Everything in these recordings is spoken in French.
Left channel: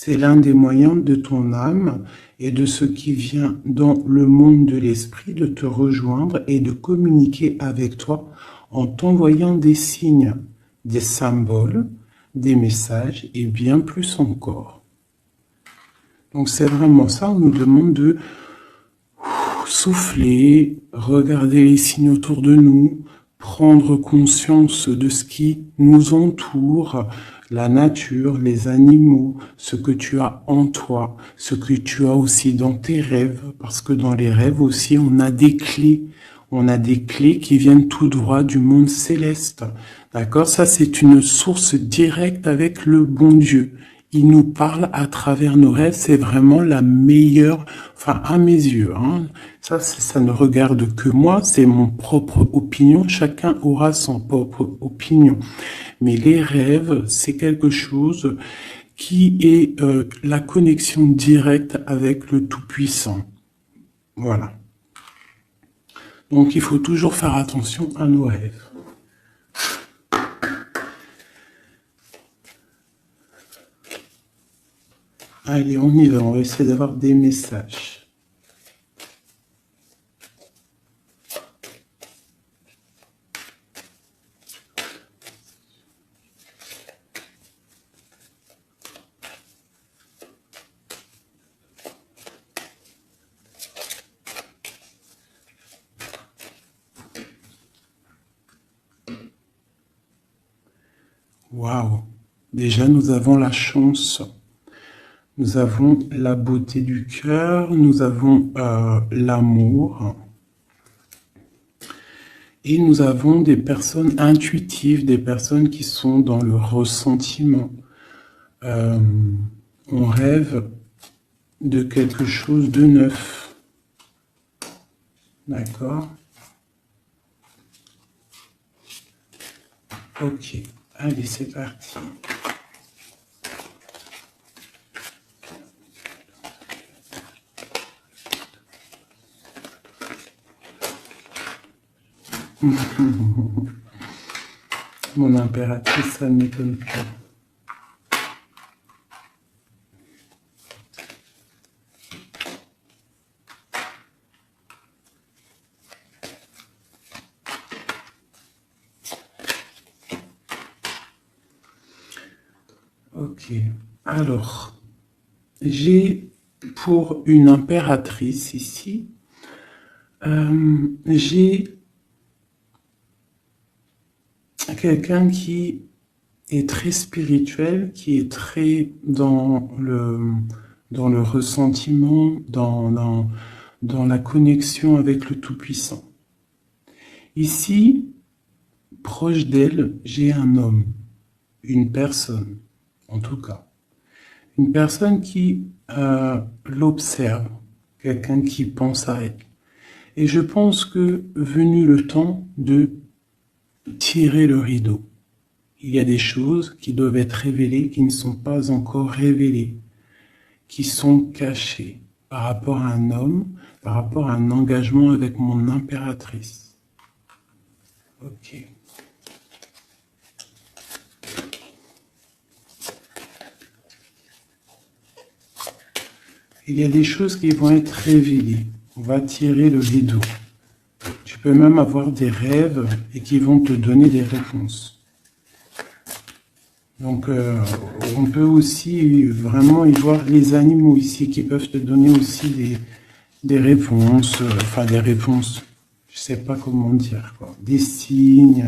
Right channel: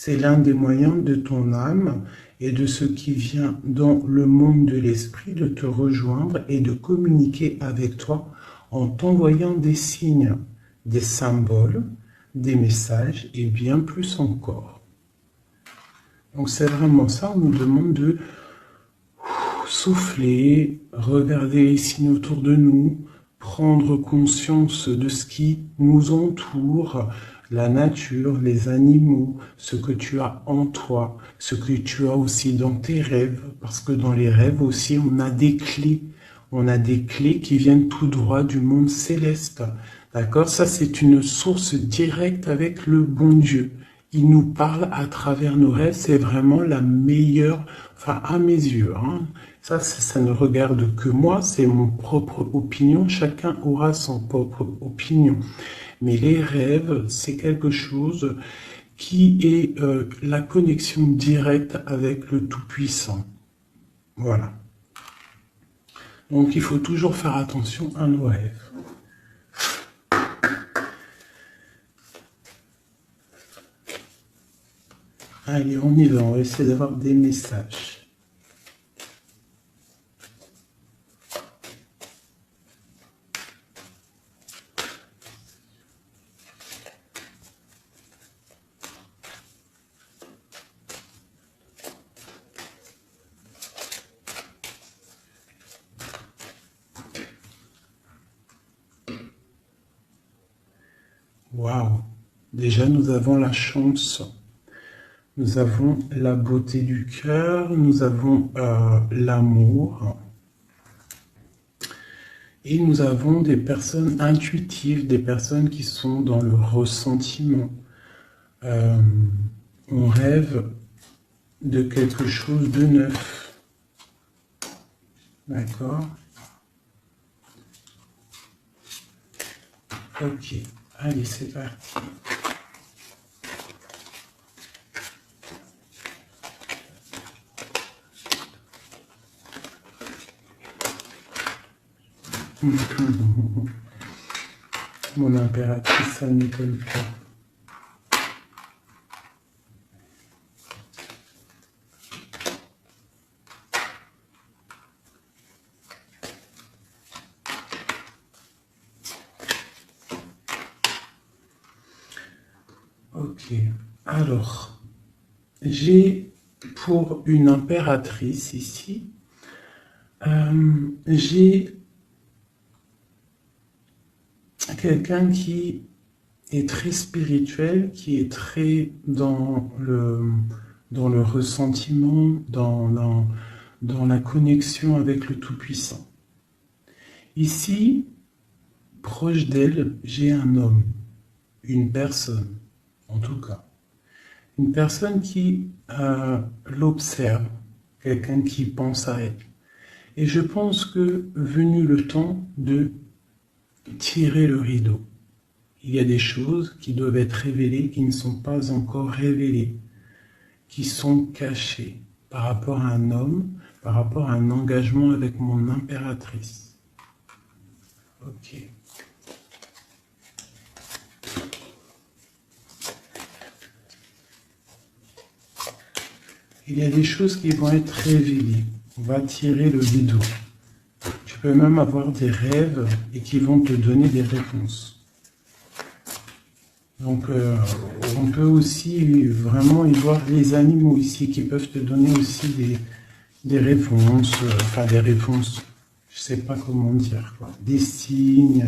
C'est l'un des moyens de ton âme et de ce qui vient dans le monde de l'esprit de te rejoindre et de communiquer avec toi en t'envoyant des signes, des symboles, des messages et bien plus encore. Donc c'est vraiment ça, on nous demande de souffler, regarder les signes autour de nous, prendre conscience de ce qui nous entoure, la nature, les animaux, ce que tu as en toi, ce que tu as aussi dans tes rêves, parce que dans les rêves aussi, on a des clés. On a des clés qui viennent tout droit du monde céleste. D'accord? Ça, c'est une source directe avec le bon Dieu. Il nous parle à travers nos rêves. C'est vraiment la meilleure, enfin, à mes yeux, hein. Ça ne regarde que moi. C'est mon propre opinion. Chacun aura son propre opinion. Mais les rêves, c'est quelque chose qui est la connexion directe avec le Tout-Puissant. Voilà. Donc, il faut toujours faire attention à nos rêves. Allez, on y va. On va essayer d'avoir des messages. Waouh! Déjà, nous avons la chance. Nous avons la beauté du cœur, nous avons l'amour. Et nous avons des personnes intuitives, des personnes qui sont dans le ressentiment. On rêve de quelque chose de neuf. D'accord? Ok, allez, c'est parti. Mon impératrice, ça ne m'étonne plus. Ok, alors, j'ai pour une impératrice ici, j'ai quelqu'un qui est très spirituel, qui est très dans le ressentiment, dans la connexion avec le Tout-Puissant. Ici, proche d'elle, j'ai un homme, une personne, en tout cas. Une personne qui l'observe, quelqu'un qui pense à elle. Et je pense que venu le temps de tirer le rideau, il y a des choses qui doivent être révélées, qui ne sont pas encore révélées, qui sont cachées par rapport à un homme, par rapport à un engagement avec mon impératrice. Ok. Il y a des choses qui vont être révélées. On va tirer le rideau. Tu peux même avoir des rêves et qui vont te donner des réponses. Donc, on peut aussi vraiment y voir les animaux ici qui peuvent te donner aussi des réponses, enfin des réponses, je sais pas comment dire, quoi, des signes.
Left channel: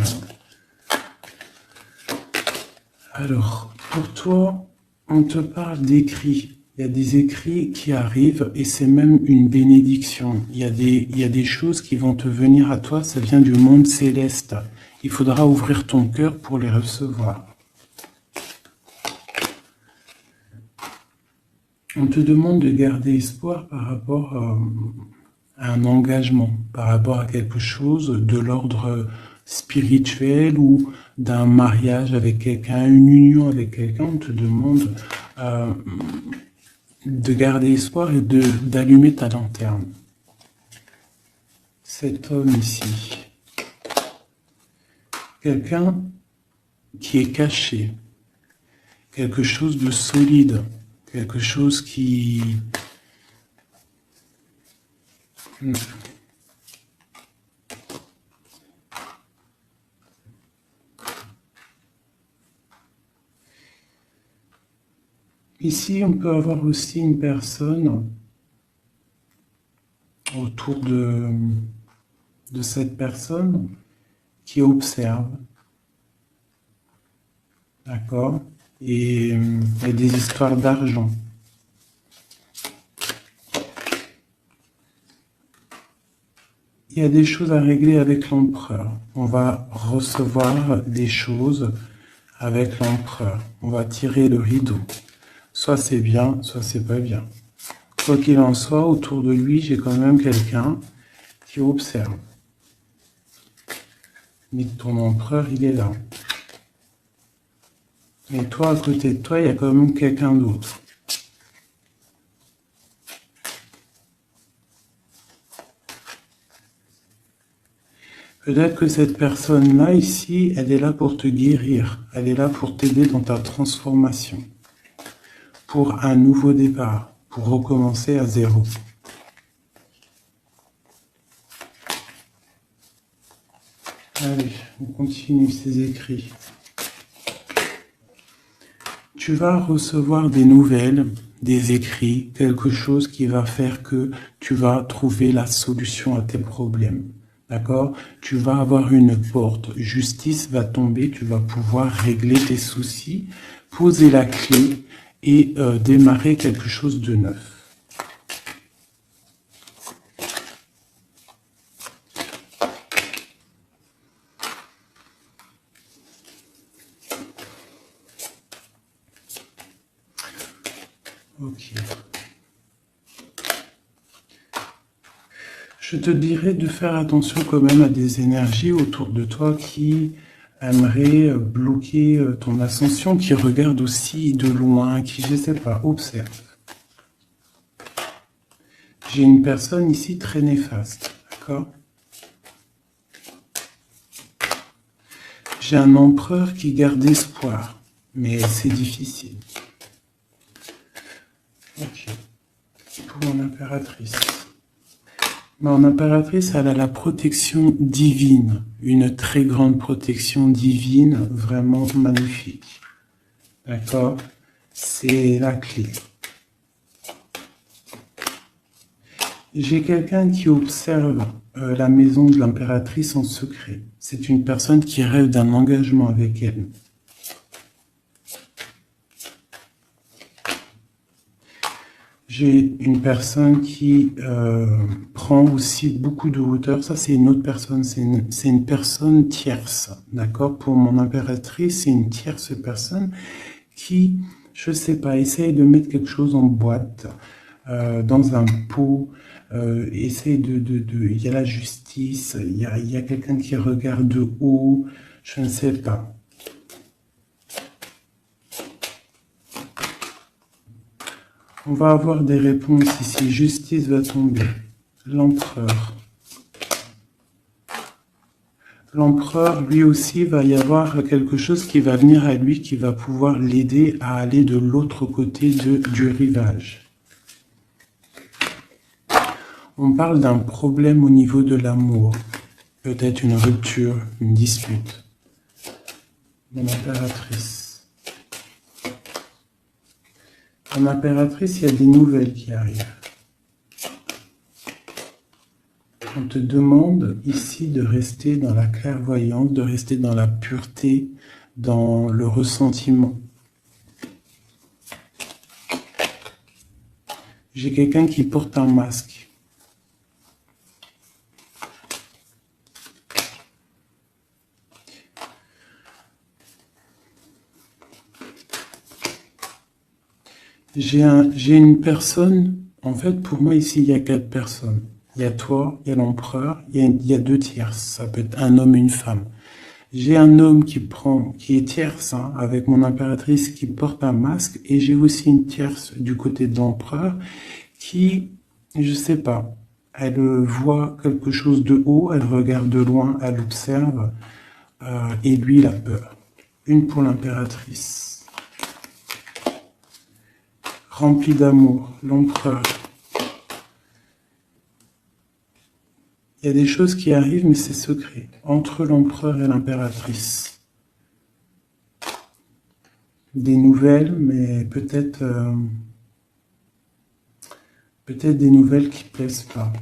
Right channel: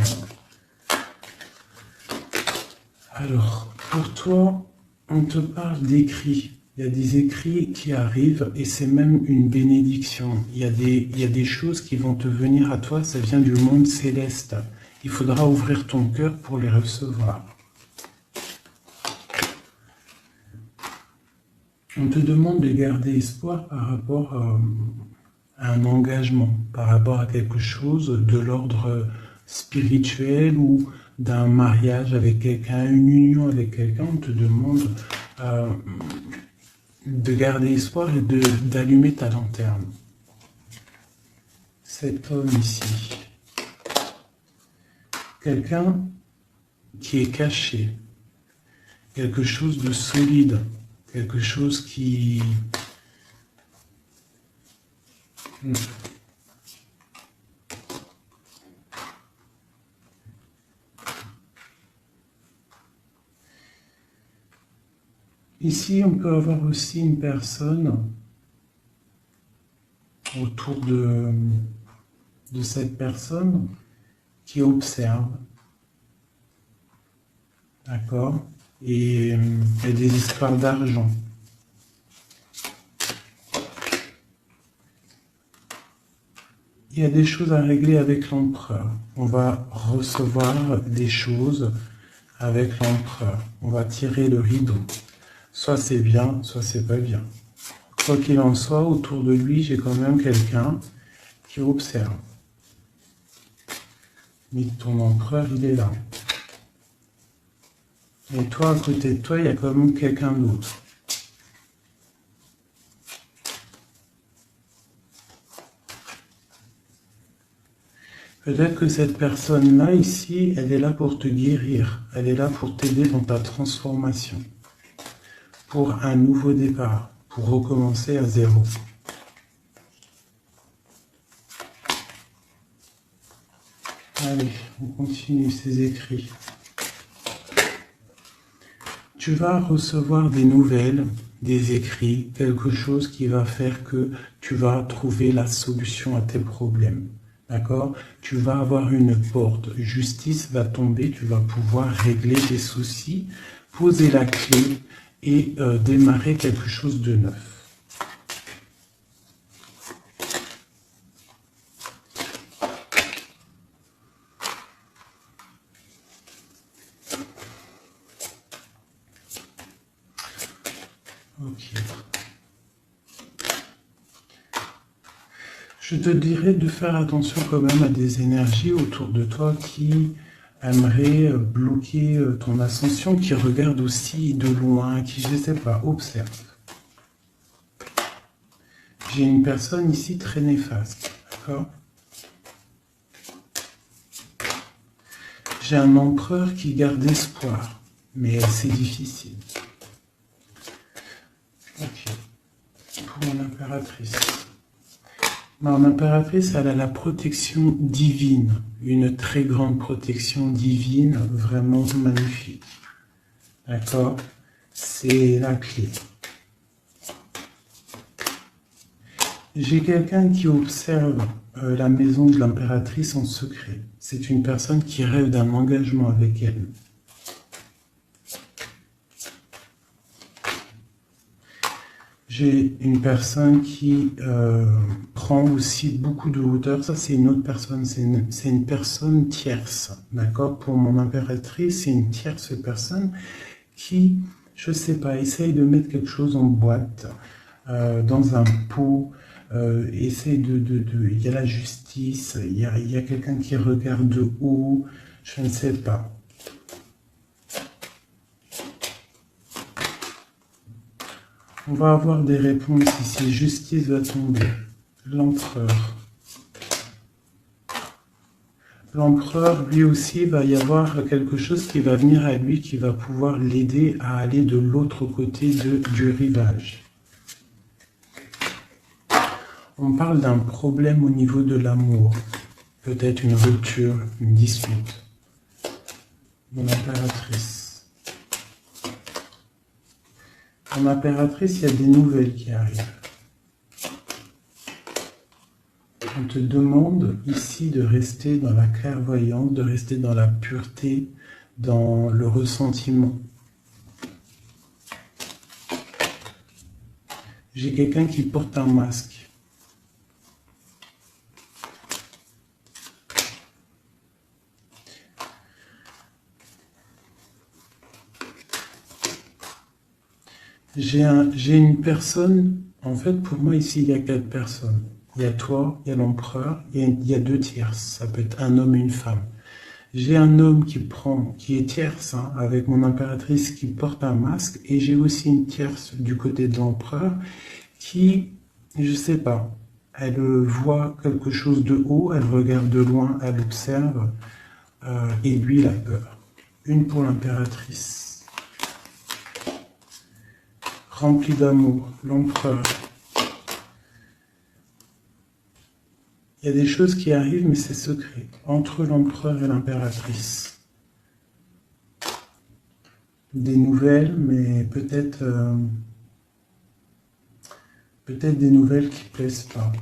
Alors, pour toi, on te parle d'écrits. Il y a des écrits qui arrivent et c'est même une bénédiction. Il y a des choses qui vont te venir à toi, ça vient du monde céleste. Il faudra ouvrir ton cœur pour les recevoir. On te demande de garder espoir par rapport à un engagement, par rapport à quelque chose de l'ordre spirituel ou d'un mariage avec quelqu'un, une union avec quelqu'un. On te demande de garder espoir et d'allumer ta lanterne. Cet homme ici, quelqu'un qui est caché, quelque chose de solide, Quelque chose qui... Ici, on peut avoir aussi une personne autour de cette personne qui observe, d'accord? Et il y a des histoires d'argent. Il y a des choses à régler avec l'empereur. On va recevoir des choses avec l'empereur. On va tirer le rideau. Soit c'est bien, soit c'est pas bien. Quoi qu'il en soit, autour de lui, j'ai quand même quelqu'un qui observe. Mais ton empereur, il est là. Mais toi, à côté de toi, il y a quand même quelqu'un d'autre. Peut-être que cette personne-là, ici, elle est là pour te guérir. Elle est là pour t'aider dans ta transformation. Pour un nouveau départ. Pour recommencer à zéro. Allez, on continue ces écrits. Tu vas recevoir des nouvelles, des écrits, quelque chose qui va faire que tu vas trouver la solution à tes problèmes. D'accord? Tu vas avoir une porte. Justice va tomber, tu vas pouvoir régler tes soucis, poser la clé et démarrer quelque chose de neuf. Ok. Je te dirais de faire attention quand même à des énergies autour de toi qui aimeraient bloquer ton ascension, qui regardent aussi de loin, qui, je ne sais pas, observent. J'ai une personne ici très néfaste, d'accord? J'ai un empereur qui garde espoir, mais c'est difficile. Ok. Pour mon impératrice. Mon impératrice, elle a la protection divine, une très grande protection divine, vraiment magnifique. D'accord? C'est la clé. J'ai quelqu'un qui observe la maison de l'impératrice en secret. C'est une personne qui rêve d'un engagement avec elle. J'ai une personne qui prend aussi beaucoup de hauteur. Ça, c'est une autre personne. C'est une personne tierce. D'accord? Pour mon impératrice, c'est une tierce personne qui, je sais pas, essaye de mettre quelque chose en boîte, dans un pot. Essaye il y a la justice. Il y a quelqu'un qui regarde de haut. Je ne sais pas. On va avoir des réponses ici. Justice va tomber. L'empereur. L'empereur, lui aussi, va y avoir quelque chose qui va venir à lui, qui va pouvoir l'aider à aller de l'autre côté du rivage. On parle d'un problème au niveau de l'amour. Peut-être une rupture, une dispute. Mon impératrice. En impératrice, il y a des nouvelles qui arrivent. On te demande ici de rester dans la clairvoyance, de rester dans la pureté, dans le ressentiment. J'ai quelqu'un qui porte un masque. J'ai une personne, en fait, pour moi, ici, il y a 4 personnes. Il y a toi, il y a l'empereur, il y a 2 tierces. Ça peut être un homme et une femme. J'ai un homme qui est tierce, hein, avec mon impératrice qui porte un masque, et j'ai aussi une tierce du côté de l'empereur qui, je sais pas, elle voit quelque chose de haut, elle regarde de loin, elle observe, et lui, il a peur. Une pour l'impératrice. rempli d'amour, l'empereur. Il y a des choses qui arrivent, mais c'est secret, entre l'empereur et l'impératrice. Des nouvelles, mais peut-être des nouvelles qui plaisent pas.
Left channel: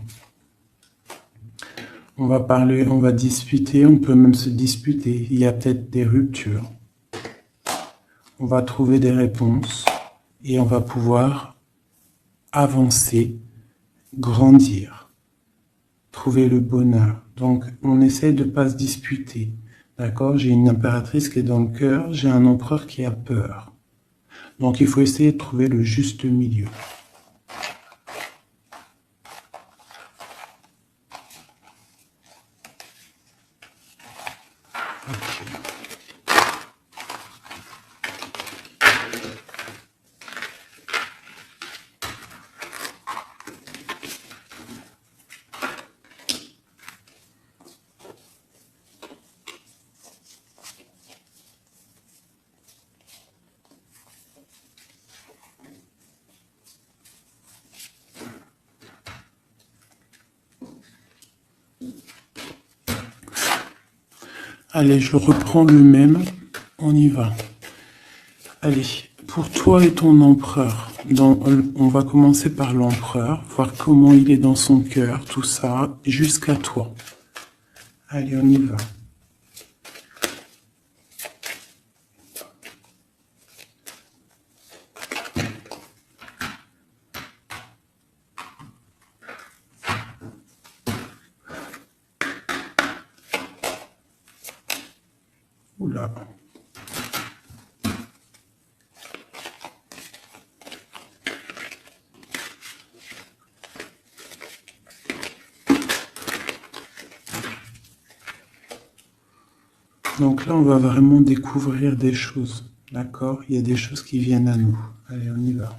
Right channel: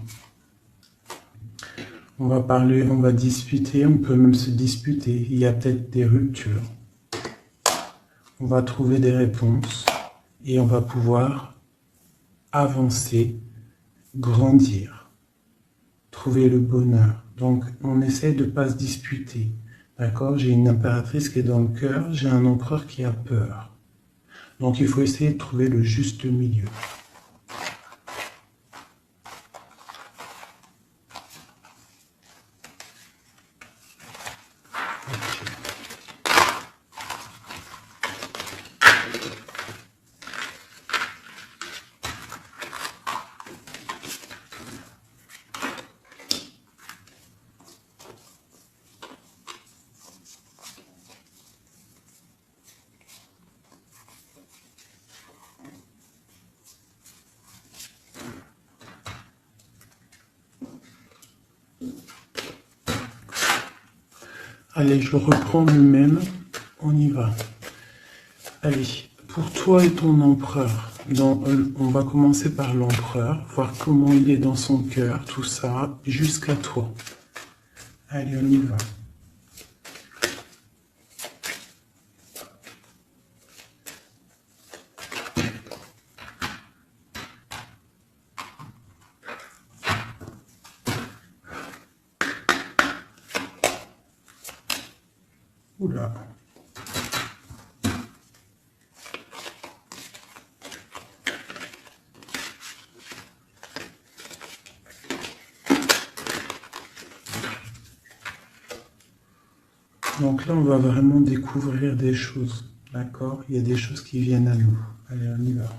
On va parler, on va discuter, on peut même se disputer. Il y a peut-être des ruptures. On va trouver des réponses et on va pouvoir avancer, grandir, trouver le bonheur. Donc, on essaie de ne pas se disputer. D'accord? J'ai une impératrice qui est dans le cœur, j'ai un empereur qui a peur. Donc, il faut essayer de trouver le juste milieu. Allez, je reprends le même. On y va. Allez, pour toi et ton empereur, on va commencer par l'empereur, voir comment il est dans son cœur, tout ça, jusqu'à toi. Allez, on y va. Oula. Donc là, on va vraiment découvrir des choses, d'accord? Il y a des choses qui viennent à nous. Allez, on y va.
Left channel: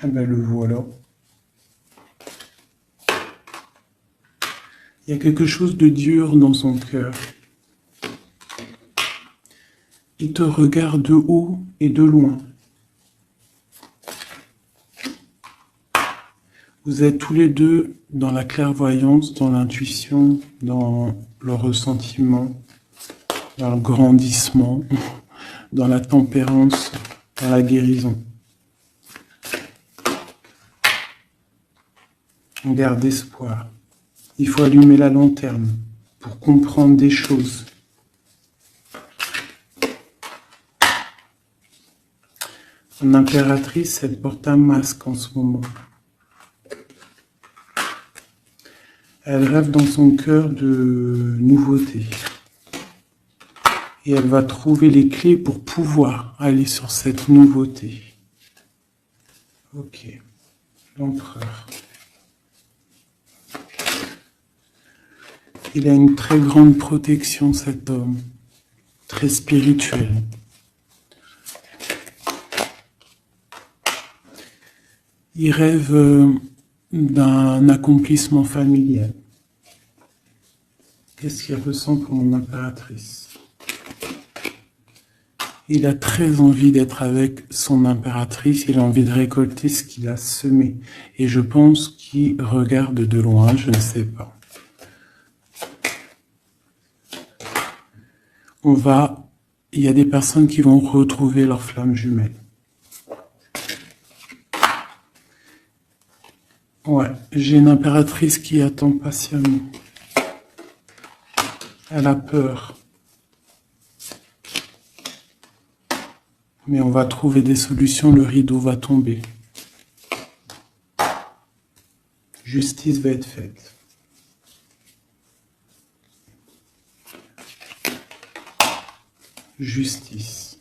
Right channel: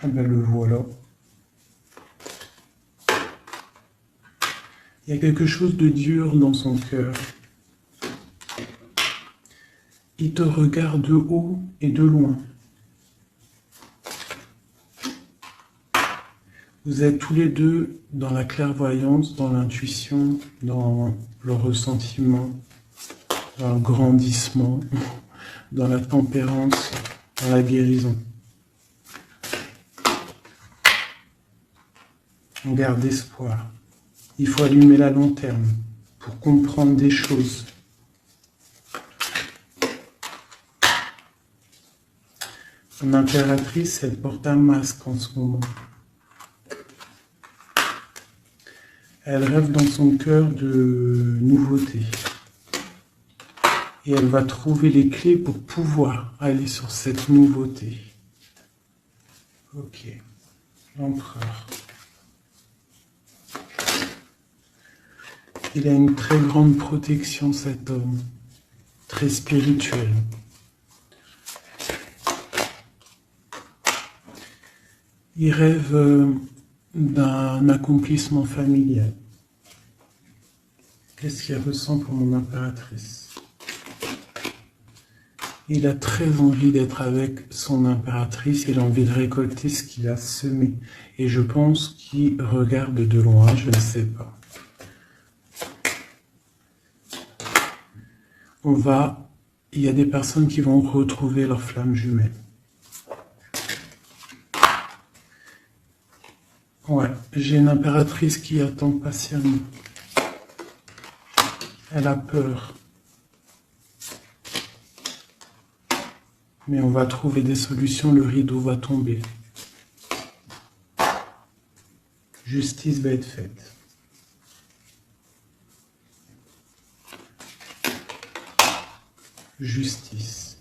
Ah ben le voilà. Il y a quelque chose de dur dans son cœur. Il te regarde de haut et de loin. Vous êtes tous les deux dans la clairvoyance, dans l'intuition, dans le ressentiment, dans le grandissement, dans la tempérance, dans la guérison. On garde espoir. Il faut allumer la lanterne pour comprendre des choses. Son impératrice, elle porte un masque en ce moment. Elle rêve dans son cœur de nouveautés. Et elle va trouver les clés pour pouvoir aller sur cette nouveauté. Ok. L'empereur. Il a une très grande protection, cet homme. Très spirituel. Il rêve d'un accomplissement familial. Qu'est-ce qu'il ressent pour mon impératrice? Il a très envie d'être avec son impératrice, il a envie de récolter ce qu'il a semé. Et je pense qu'il regarde de loin, je ne sais pas. Il y a des personnes qui vont retrouver leur flamme jumelle. Ouais, j'ai une impératrice qui attend patiemment. Elle a peur. Mais on va trouver des solutions, le rideau va tomber. Justice va être faite. Justice.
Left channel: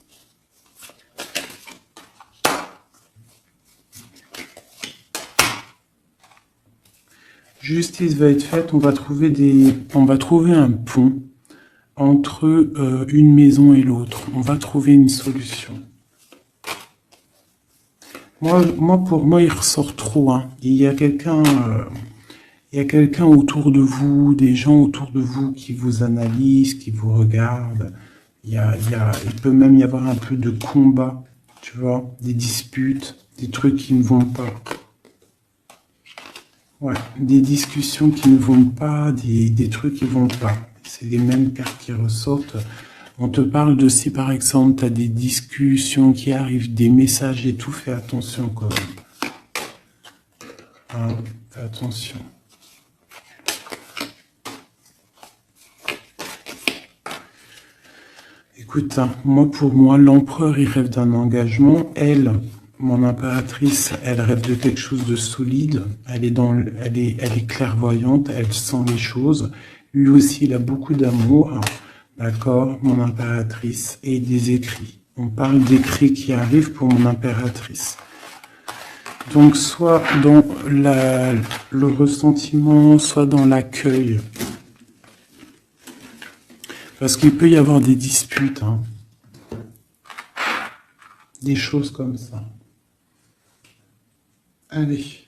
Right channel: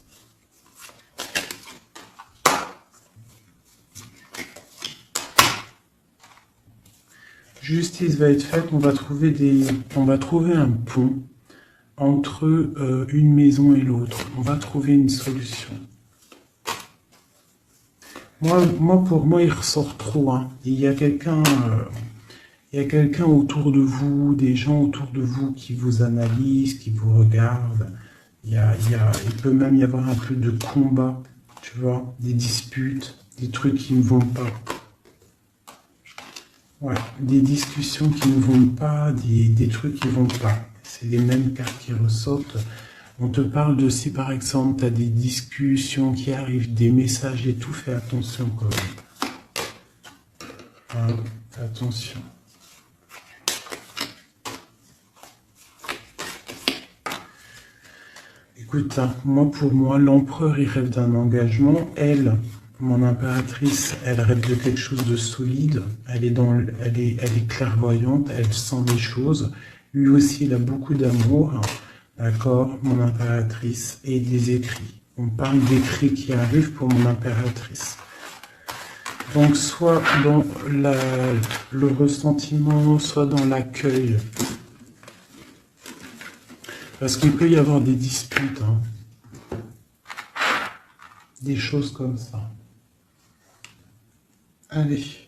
Justice va être faite, on va trouver un pont entre une maison et l'autre. On va trouver une solution. Pour moi, il ressort trop. Hein. Il y a quelqu'un autour de vous, des gens autour de vous qui vous analysent, qui vous regardent, Il peut même y avoir un peu de combat, tu vois, des disputes, des trucs qui ne vont pas. Ouais, des discussions qui ne vont pas, des trucs qui ne vont pas. C'est les mêmes cartes qui ressortent. On te parle de si par exemple tu as des discussions qui arrivent, des messages et tout, fais attention quand même. Hein, fais attention. Écoute, hein, pour moi, l'empereur, il rêve d'un engagement. Elle, mon impératrice, elle rêve de quelque chose de solide. Elle est clairvoyante, elle sent les choses. Lui aussi, il a beaucoup d'amour. D'accord, mon impératrice. Et des écrits. On parle d'écrits qui arrivent pour mon impératrice. Donc, soit dans le ressentiment, soit dans l'accueil. Parce qu'il peut y avoir des disputes, hein. Des choses comme ça. Allez.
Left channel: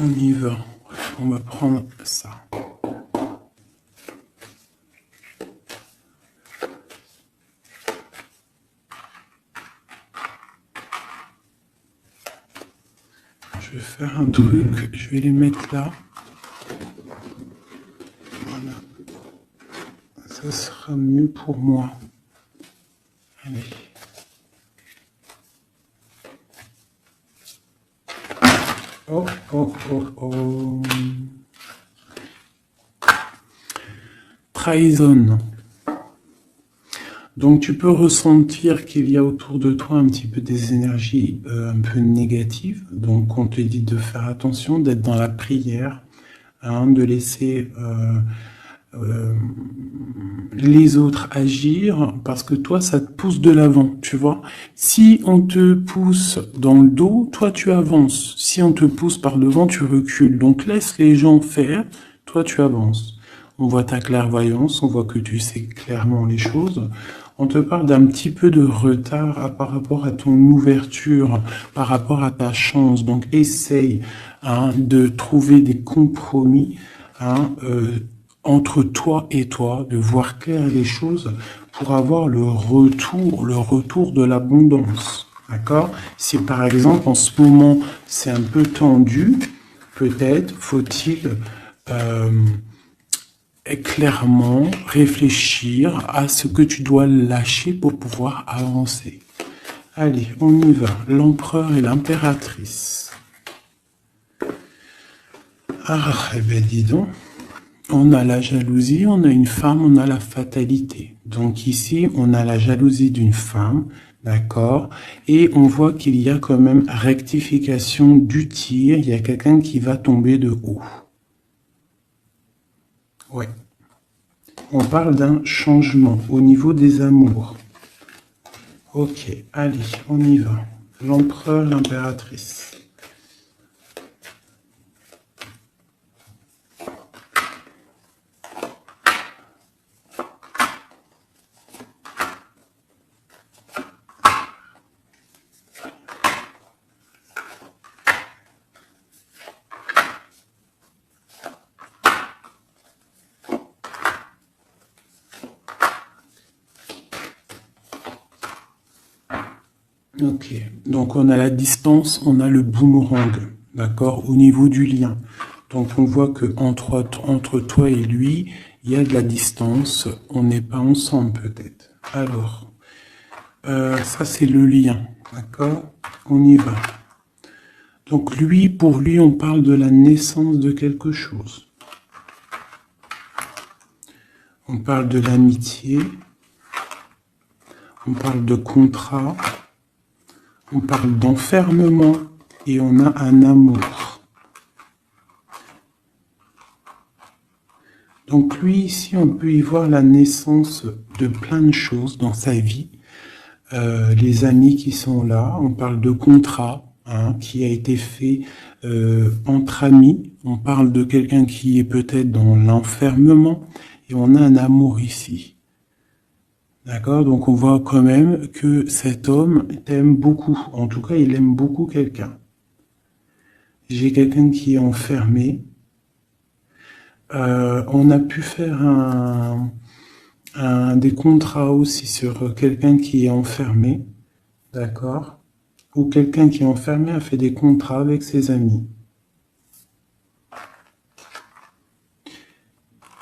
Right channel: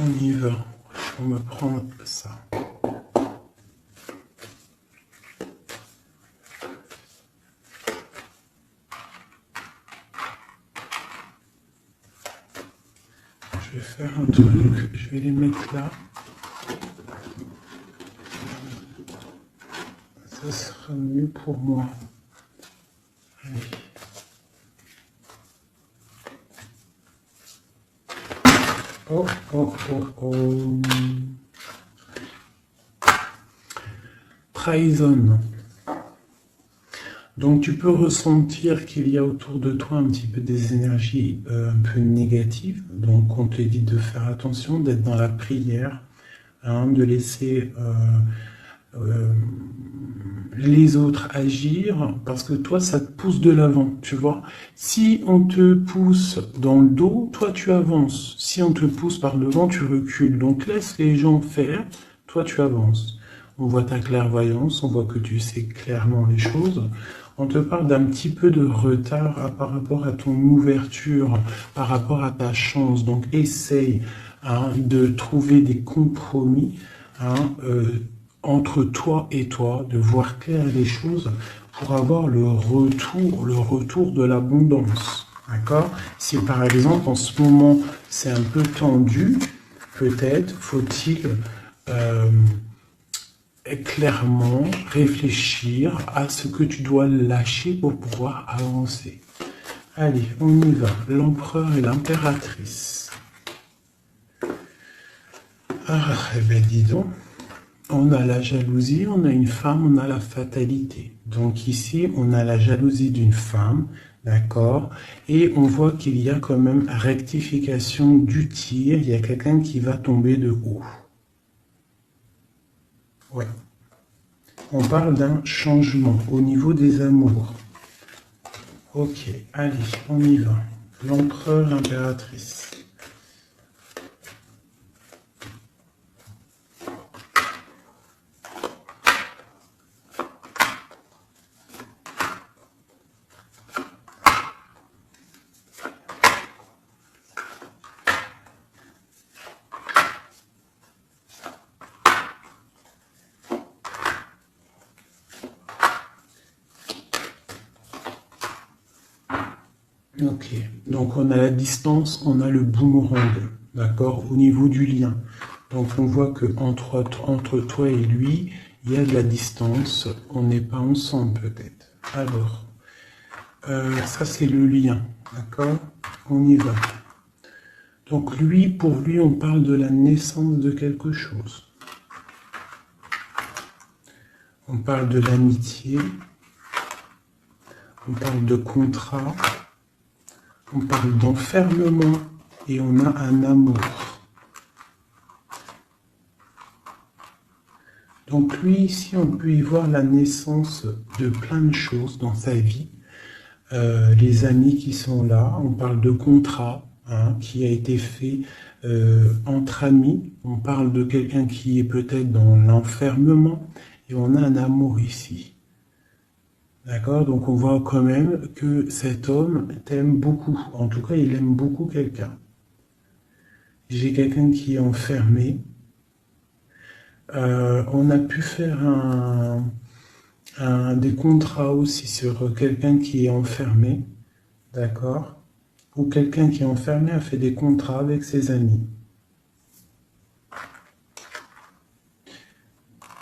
On y va. On va prendre ça. Je vais faire un truc. Je vais les mettre là. Voilà. Ça sera mieux pour moi. Allez. Oh, oh, oh, oh. Trahison. Donc tu peux ressentir qu'il y a autour de toi un petit peu des énergies un peu négatives. Donc on te dit de faire attention, d'être dans la prière, hein, de laisser les autres agir, parce que toi ça te pousse de l'avant, tu vois. Si on te pousse dans le dos, toi tu avances. Si on te pousse par devant, tu recules. Donc laisse les gens faire, toi tu avances. On voit ta clairvoyance, on voit que tu sais clairement les choses. On te parle d'un petit peu de retard par rapport à ton ouverture, par rapport à ta chance. Donc essaye, hein, de trouver des compromis, hein, entre toi et toi, de voir clair les choses pour avoir le retour de l'abondance. D'accord? Si par exemple en ce moment c'est un peu tendu, peut-être faut-il clairement réfléchir à ce que tu dois lâcher pour pouvoir avancer. Allez, on y va. L'empereur et l'impératrice. Ah, eh bien dis donc. On a la jalousie, on a une femme, on a la fatalité. Donc ici, on a la jalousie d'une femme, d'accord? Et on voit qu'il y a quand même rectification du tir. Il y a quelqu'un qui va tomber de haut. Ouais. On parle d'un changement au niveau des amours. Ok, allez, on y va. L'empereur, l'impératrice. Ok, donc on a la distance, on a le boomerang, d'accord, au niveau du lien. Donc on voit que entre toi et lui, il y a de la distance, on n'est pas ensemble peut-être. Alors, ça c'est le lien, d'accord, on y va. Donc lui, pour lui, on parle de la naissance de quelque chose. On parle de l'amitié, on parle de contrat, on parle d'enfermement et on a un amour. Donc lui, ici, on peut y voir la naissance de plein de choses dans sa vie. Les amis qui sont là, on parle de contrat, hein, qui a été fait entre amis. On parle de quelqu'un qui est peut-être dans l'enfermement et on a un amour ici. D'accord? Donc on voit quand même que cet homme t'aime beaucoup. En tout cas, il aime beaucoup quelqu'un. J'ai quelqu'un qui est enfermé. On a pu faire des contrats aussi sur quelqu'un qui est enfermé, d'accord? Ou quelqu'un qui est enfermé a fait des contrats avec ses amis.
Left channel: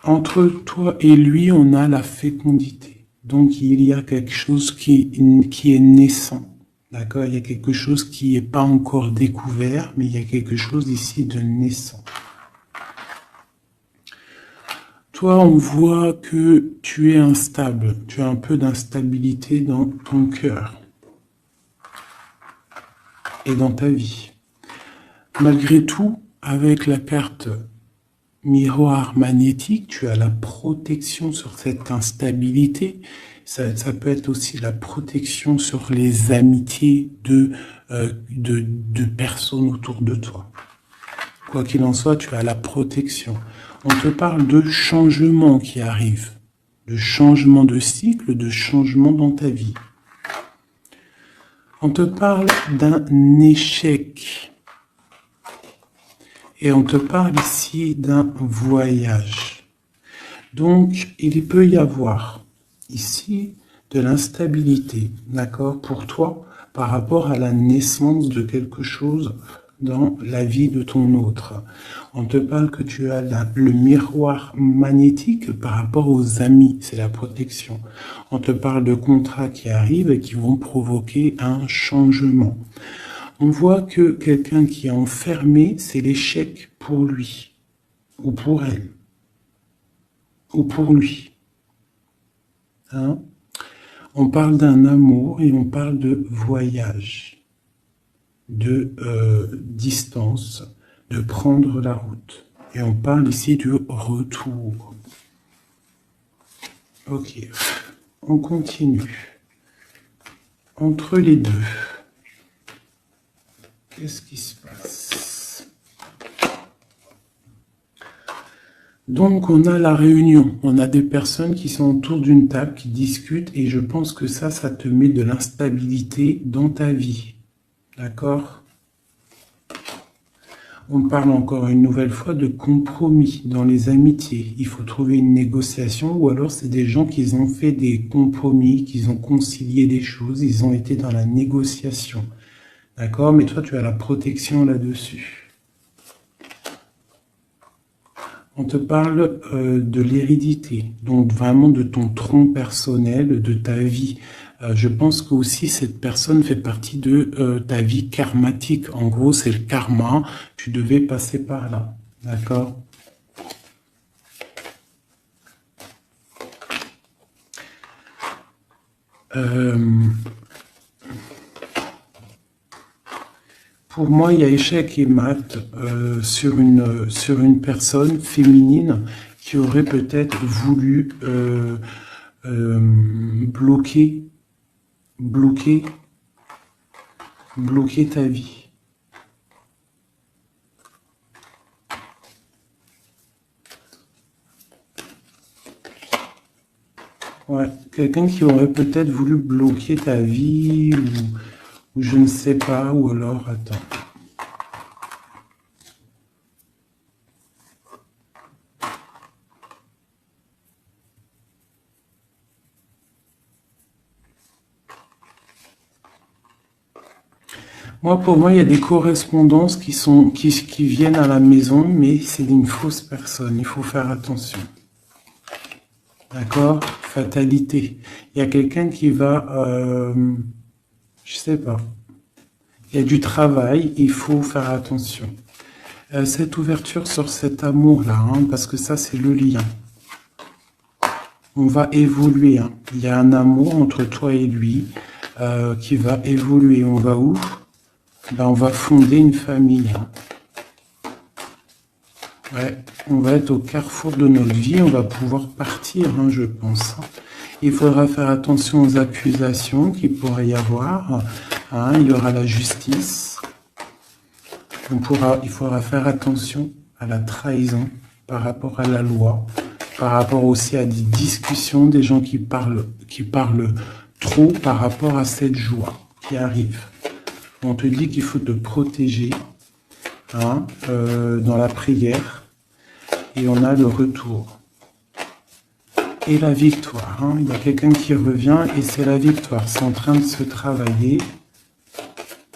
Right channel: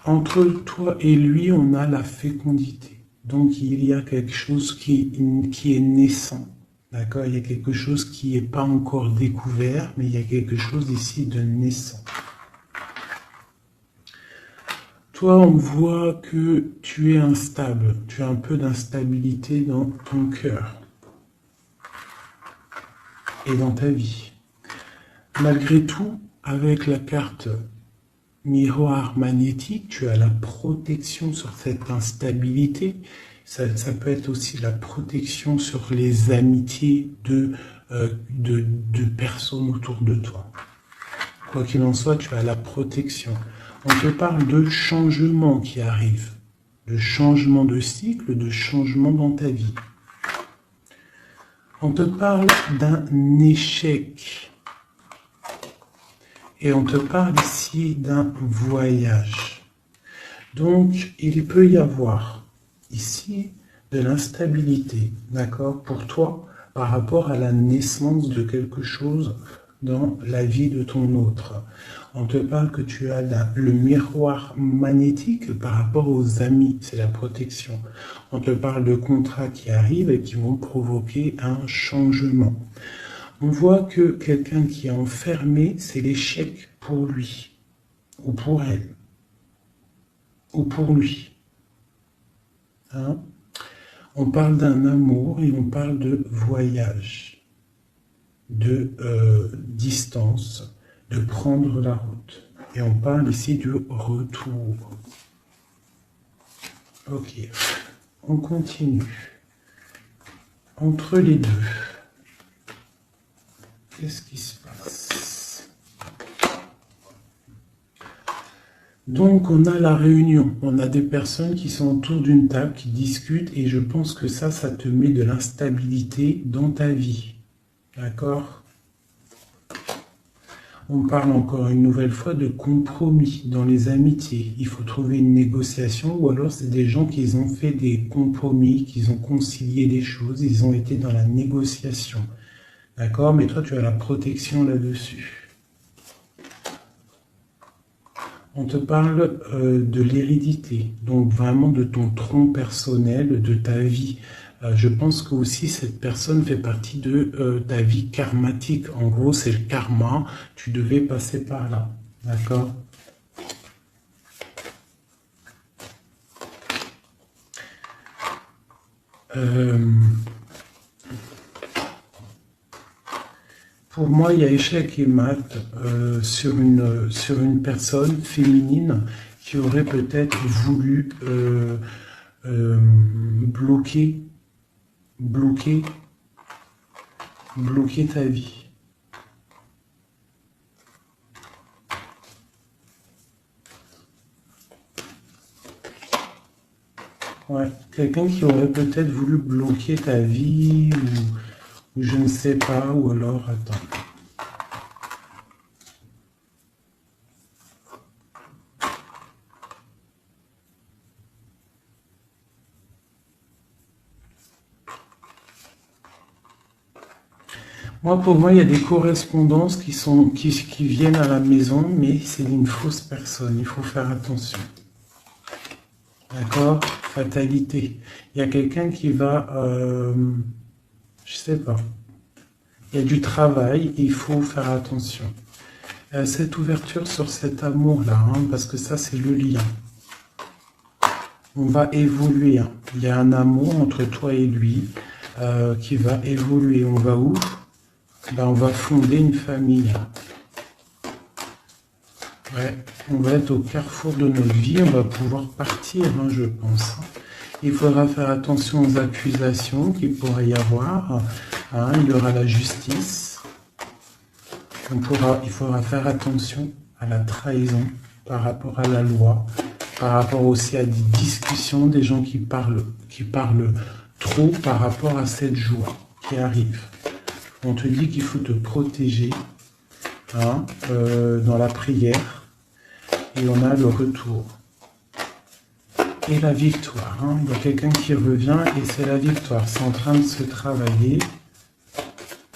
Entre toi et lui, on a la fécondité. Donc, il y a quelque chose qui est naissant. D'accord? Il y a quelque chose qui n'est pas encore découvert, mais il y a quelque chose ici de naissant. Toi, on voit que tu es instable. Tu as un peu d'instabilité dans ton cœur et dans ta vie. Malgré tout, avec la carte miroir magnétique, tu as la protection sur cette instabilité. Ça peut être aussi la protection sur les amitiés de personnes autour de toi. Quoi qu'il en soit, tu as la protection. On te parle de changement qui arrive, de changement de cycle, de changement dans ta vie. On te parle d'un échec. Et on te parle ici d'un voyage. Donc, il peut y avoir ici de l'instabilité, d'accord, pour toi, par rapport à la naissance de quelque chose dans la vie de ton autre. On te parle que tu as le miroir magnétique par rapport aux amis, c'est la protection. On te parle de contrats qui arrivent et qui vont provoquer un changement. On voit que quelqu'un qui est enfermé, c'est l'échec pour lui, ou pour elle, ou pour lui. Hein? On parle d'un amour et on parle de voyage, de distance, de prendre la route. Et on parle ici de retour. Ok, on continue. Entre les deux. Qu'est-ce qui se passe? Donc, on a la réunion. On a des personnes qui sont autour d'une table, qui discutent, et je pense que ça te met de l'instabilité dans ta vie. D'accord? On parle encore une nouvelle fois de compromis dans les amitiés. Il faut trouver une négociation, ou alors c'est des gens qui ont fait des compromis, qui ont concilié des choses, ils ont été dans la négociation. D'accord? Mais toi, tu as la protection là-dessus. On te parle de l'hérédité, donc vraiment de ton tronc personnel, de ta vie. Je pense que aussi cette personne fait partie de ta vie karmatique. En gros, c'est le karma. Tu devais passer par là. D'accord? Pour moi, il y a échec et mat sur une personne féminine qui aurait peut-être voulu bloquer ta vie. Ouais, quelqu'un qui aurait peut-être voulu bloquer ta vie, ou je ne sais pas, ou alors, attends. Pour moi, il y a des correspondances qui viennent à la maison, mais c'est une fausse personne. Il faut faire attention. D'accord? Fatalité. Il y a quelqu'un qui va, je sais pas. Il y a du travail, il faut faire attention. Cette ouverture sur cet amour-là, parce que ça, c'est le lien. On va évoluer. Il y a un amour entre toi et lui qui va évoluer. On va où? On va fonder une famille. Ouais, on va être au carrefour de notre vie, on va pouvoir partir, je pense. Il faudra faire attention aux accusations qu'il pourrait y avoir. Il y aura la justice. Il faudra faire attention à la trahison par rapport à la loi, par rapport aussi à des discussions, des gens qui parlent trop par rapport à cette joie qui arrive. On te dit qu'il faut te protéger dans la prière. et on a le retour. Et la victoire. Hein. Il y a quelqu'un qui revient et c'est la victoire. C'est en train de se travailler.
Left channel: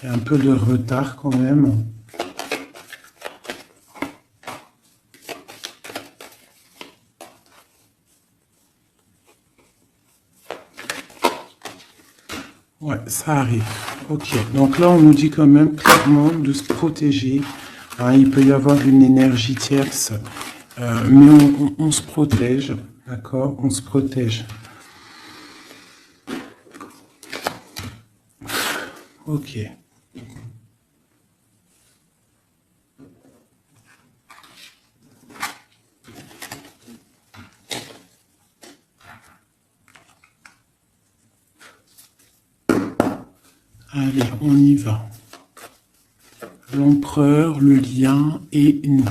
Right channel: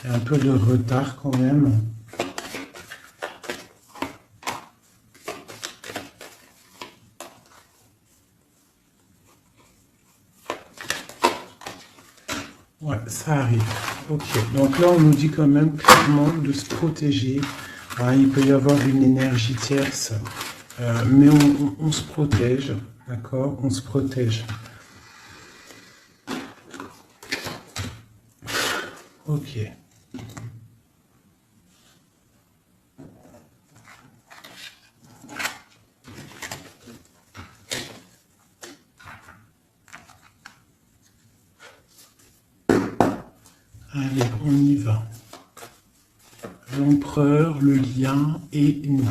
Il y a un peu de retard quand même. Ouais, ça arrive. Ok, donc là on nous dit quand même clairement de se protéger. Hein, il peut y avoir une énergie tierce, mais on se protège, d'accord? On se protège. Ok. Allez, on y va. L'empereur, le lien et nous.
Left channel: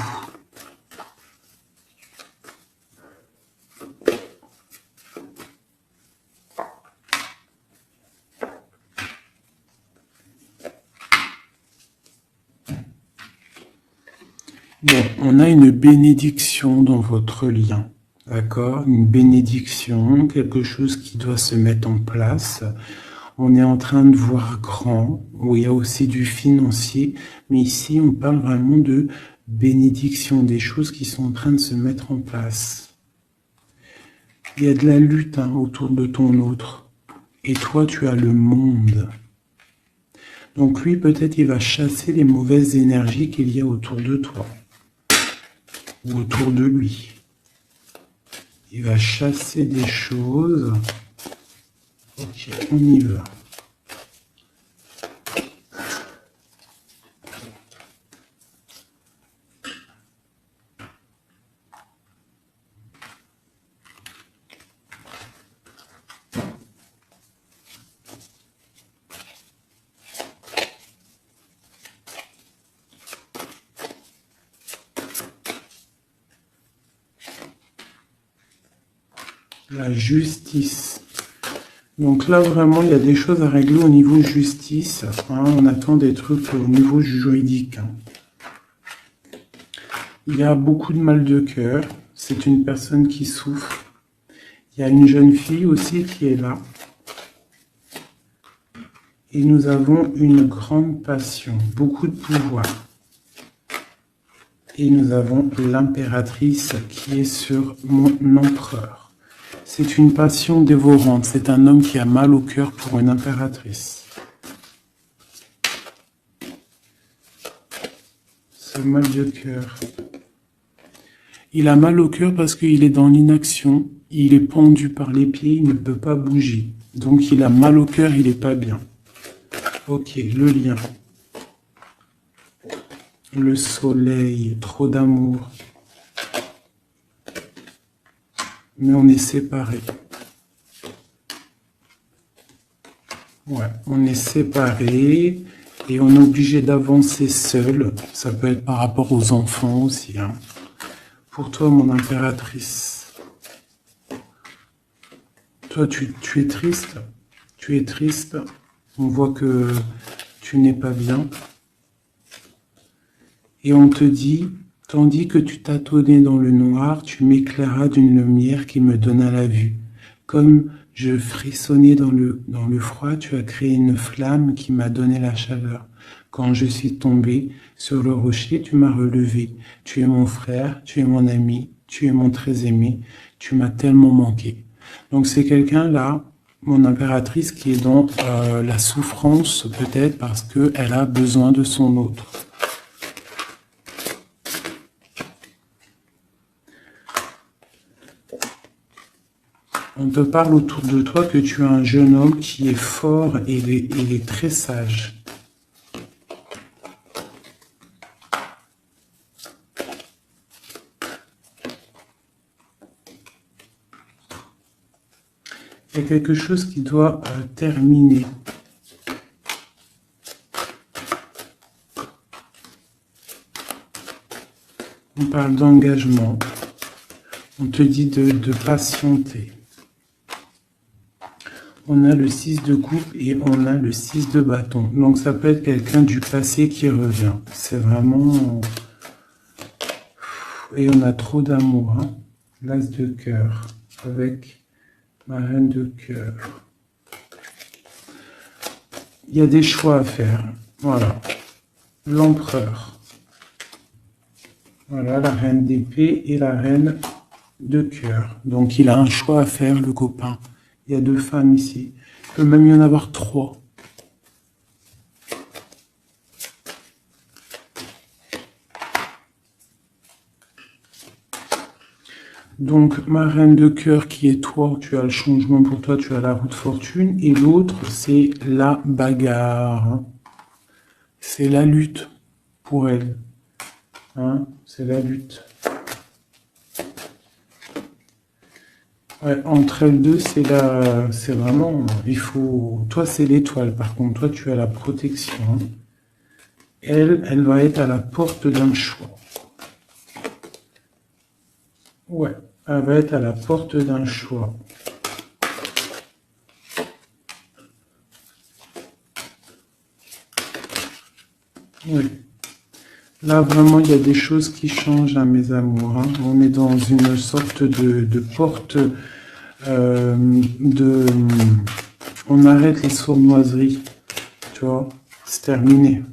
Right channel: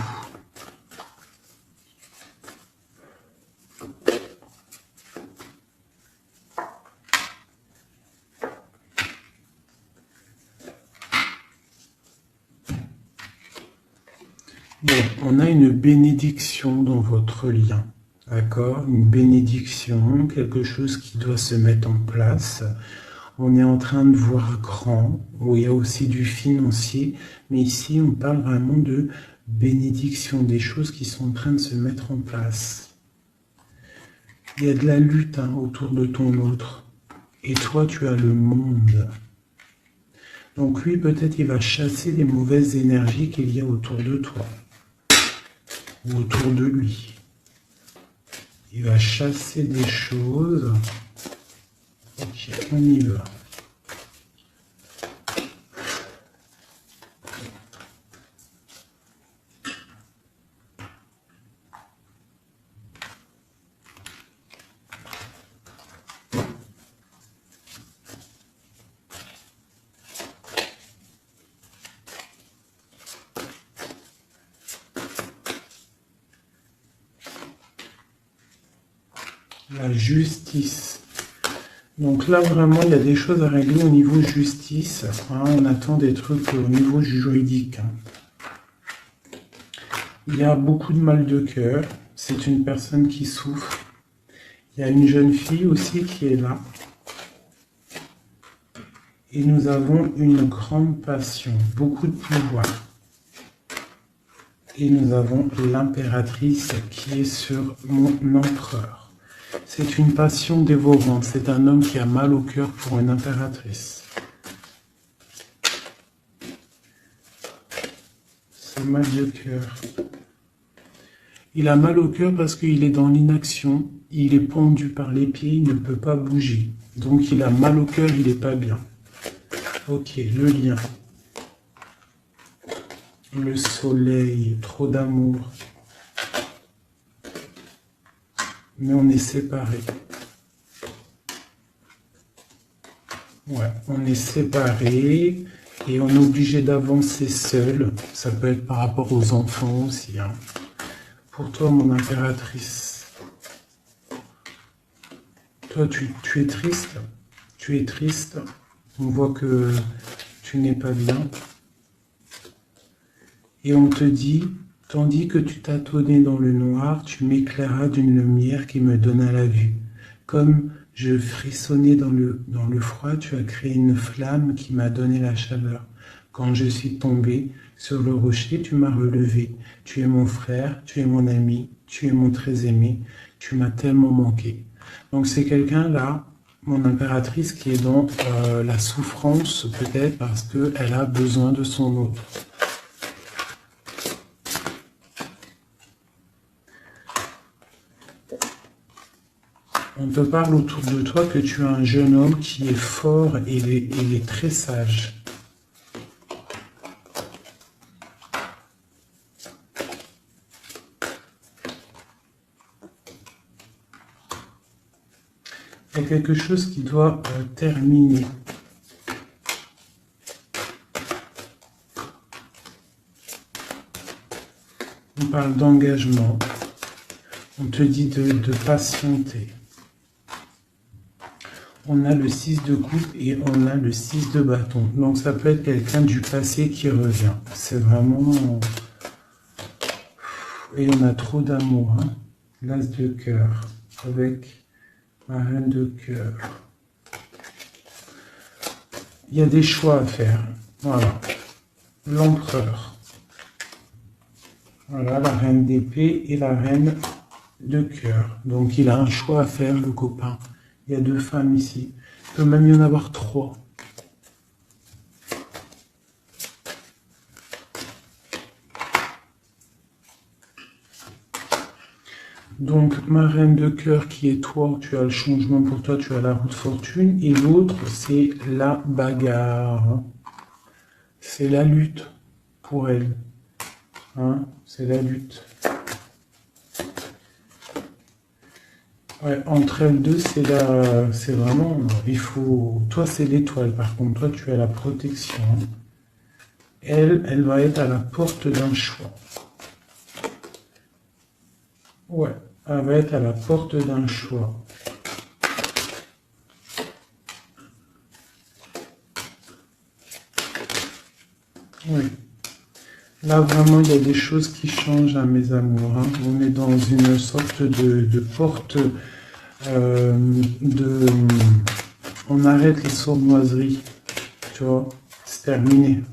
Bon, on a une bénédiction dans votre lien. D'accord? Une bénédiction, quelque chose qui doit se mettre en place. On est en train de voir grand, où il y a aussi du financier, mais ici on parle vraiment de bénédiction, des choses qui sont en train de se mettre en place. Il y a de la lutte autour de ton autre, et toi tu as le monde. Donc lui peut-être il va chasser les mauvaises énergies qu'il y a autour de toi, ou autour de lui. Il va chasser des choses. Ok, on y va. La justice. Donc là, vraiment, il y a des choses à régler au niveau justice. Hein, on attend des trucs au niveau juridique. Il y a beaucoup de mal de cœur. C'est une personne qui souffre. Il y a une jeune fille aussi qui est là. Et nous avons une grande passion, beaucoup de pouvoir. Et nous avons l'impératrice qui est sur mon empereur. C'est une passion dévorante. C'est un homme qui a mal au cœur pour une impératrice. C'est mal de cœur. Il a mal au cœur parce qu'il est dans l'inaction. Il est pendu par les pieds, il ne peut pas bouger. Donc il a mal au cœur, il n'est pas bien. Ok, le lien. Le soleil, trop d'amour. Mais on est séparés. Ouais, on est séparés et on est obligé d'avancer seul. Ça peut être par rapport aux enfants aussi. Hein. Pour toi, mon impératrice. Toi, tu es triste. Tu es triste. On voit que tu n'es pas bien. Et on te dit, tandis que tu tâtonnais dans le noir, tu m'éclairas d'une lumière qui me donna la vue. Comme je frissonnais dans le froid, tu as créé une flamme qui m'a donné la chaleur. Quand je suis tombé sur le rocher, tu m'as relevé. Tu es mon frère, tu es mon ami, tu es mon très aimé. Tu m'as tellement manqué. Donc c'est quelqu'un là, mon impératrice, qui est dans la souffrance peut-être parce qu'elle a besoin de son autre. On te parle autour de toi que tu as un jeune homme qui est fort et il est très sage. Il y a quelque chose qui doit terminer. On parle d'engagement. On te dit de patienter. On a le 6 de coupe et on a le 6 de bâton. Donc ça peut être quelqu'un du passé qui revient. C'est vraiment... Et on a trop d'amour, hein. L'as de cœur avec ma reine de cœur. Il y a des choix à faire. Voilà. L'empereur. Voilà la reine d'épée et la reine de cœur. Donc il a un choix à faire, le copain. Il y a 2 femmes ici. Il peut même y en avoir 3. Donc, ma reine de cœur qui est toi, tu as le changement pour toi, tu as la roue de fortune. Et l'autre, c'est la bagarre. C'est la lutte pour elle. Hein, c'est la lutte. Ouais, entre elles deux, c'est vraiment, il faut, toi c'est l'étoile, par contre, toi tu as la protection. Hein. Elle va être à la porte d'un choix. Ouais, elle va être à la porte d'un choix. Oui. Là, vraiment, il y a des choses qui changent à mes amours. Hein. On est dans une sorte de porte on arrête les sournoiseries. Tu vois, c'est terminé.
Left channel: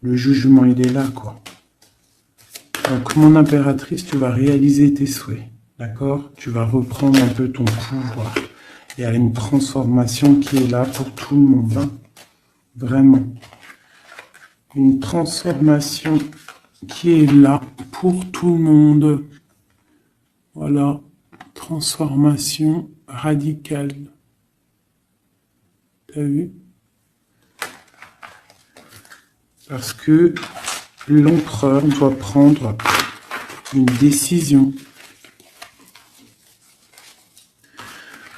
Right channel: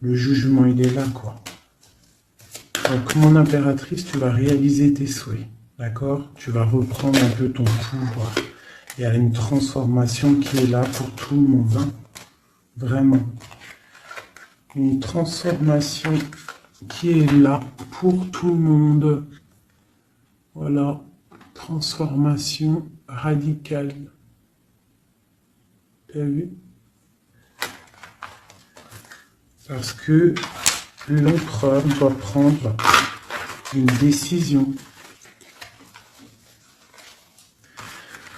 Le jugement, il est là, quoi. Donc, mon impératrice, tu vas réaliser tes souhaits. D'accord? Tu vas reprendre un peu ton pouvoir. Il y a une transformation qui est là pour tout le monde. Hein. Vraiment. Une transformation qui est là pour tout le monde. Voilà. Transformation radicale. T'as vu? Parce que l'empereur doit prendre une décision.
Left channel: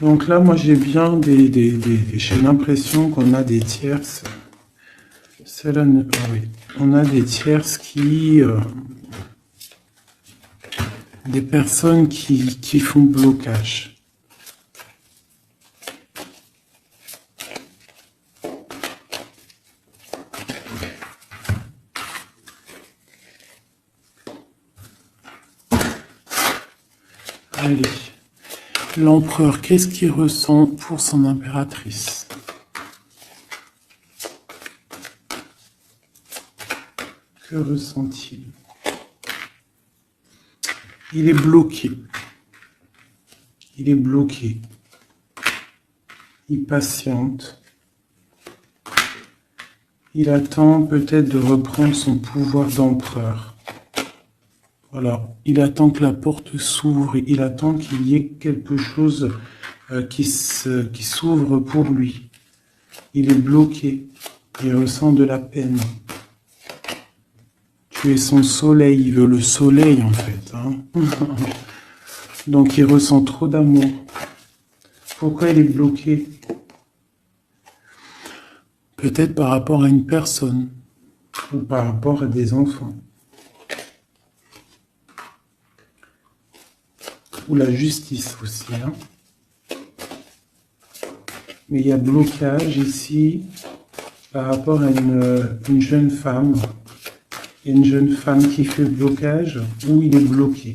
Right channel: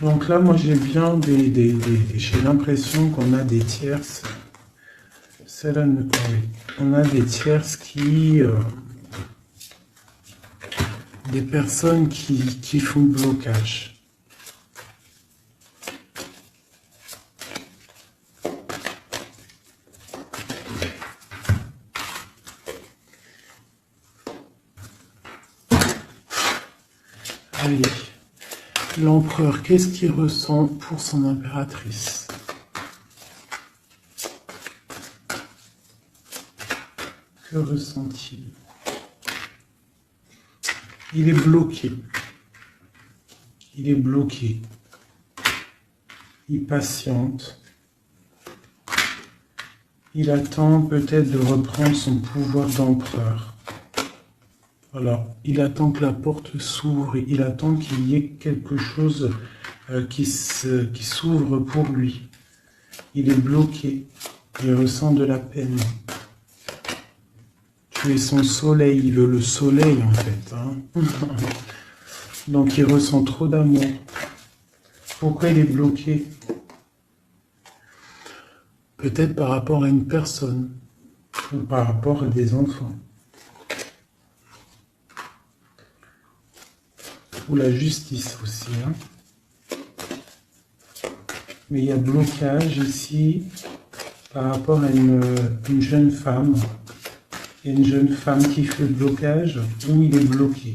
Donc là, moi, j'ai bien j'ai l'impression qu'on a des tierces. Oui. On a des tierces qui... des personnes qui font blocage. Allez. L'empereur, qu'est-ce qu'il ressent pour son impératrice? Que ressent-il? Il est bloqué. Il est bloqué. Il patiente. Il attend peut-être de reprendre son pouvoir d'empereur. Voilà. Il attend que la porte s'ouvre. Il attend qu'il y ait quelque chose qui s'ouvre pour lui. Il est bloqué. Il ressent de la peine. Tu es son soleil. Il veut le soleil, en fait. Hein. Donc, il ressent trop d'amour. Pourquoi il est bloqué? Peut-être par rapport à une personne. Ou par rapport à des enfants. Ou la justice aussi. Hein. Mais il y a blocage ici par rapport à une jeune femme. Il y a une jeune femme qui fait blocage ou il est bloqué.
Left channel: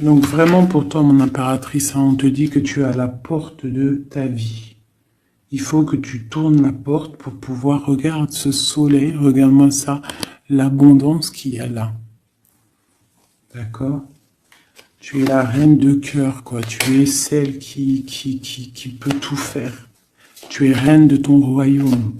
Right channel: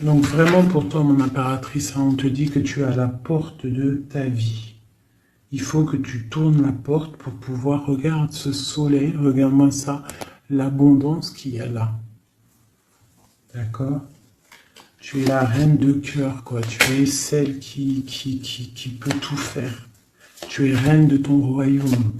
Donc vraiment pour toi, mon impératrice, on te dit que tu es à la porte de ta vie. Il faut que tu tournes la porte pour pouvoir regarder ce soleil, regarde-moi ça, l'abondance qu'il y a là. D'accord? Tu es la reine de cœur, quoi. Tu es celle qui peut tout faire. Tu es reine de ton royaume.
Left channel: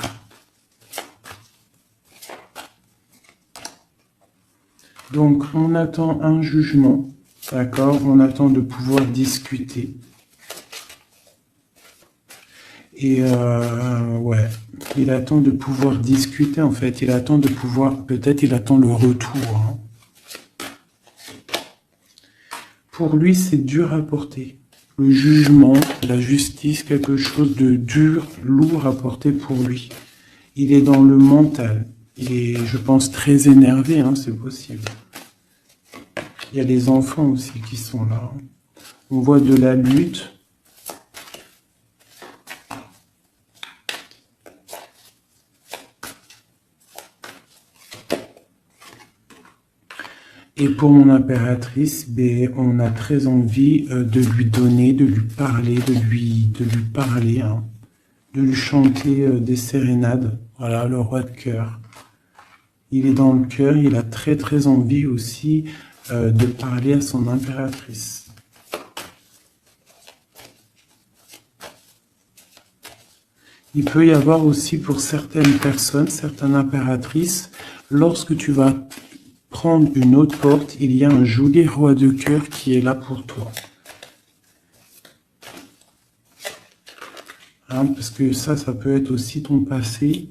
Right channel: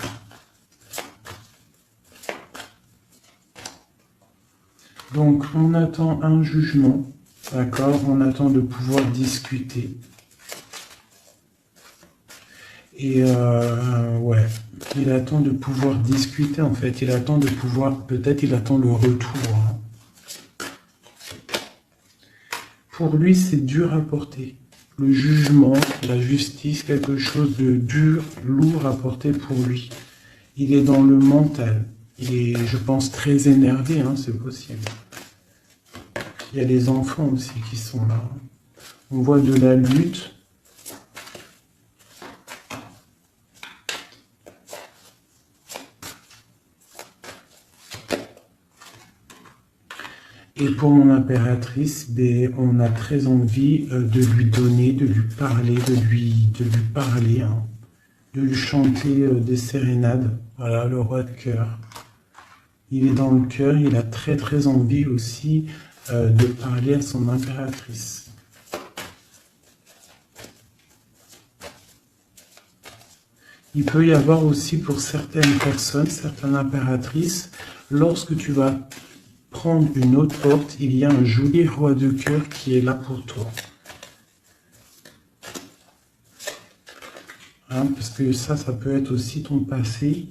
Donc on attend un jugement. D'accord, on attend de pouvoir discuter. Et ouais, il attend de pouvoir discuter en fait. Il attend de pouvoir, peut-être il attend le retour. Hein. Pour lui, c'est dur à porter. le jugement, la justice, quelque chose de dur, lourd à porter pour lui. Il est dans le mental. Il est, je pense, très énervé, hein, c'est possible. Il y a les enfants aussi qui sont là. On voit de la lutte. Et pour mon impératrice, ben, on a très envie de lui donner, de lui parler, de lui parler, hein, de lui chanter des sérénades. Voilà, le roi de cœur. Il est dans le cœur, il a très très envie aussi de parler à son impératrice. Il peut y avoir aussi pour certaines personnes, certaines impératrices, lorsque tu vas prendre une autre porte, il y a un joli roi de cœur qui est là pour toi. Hein, parce que ça peut être aussi ton passé.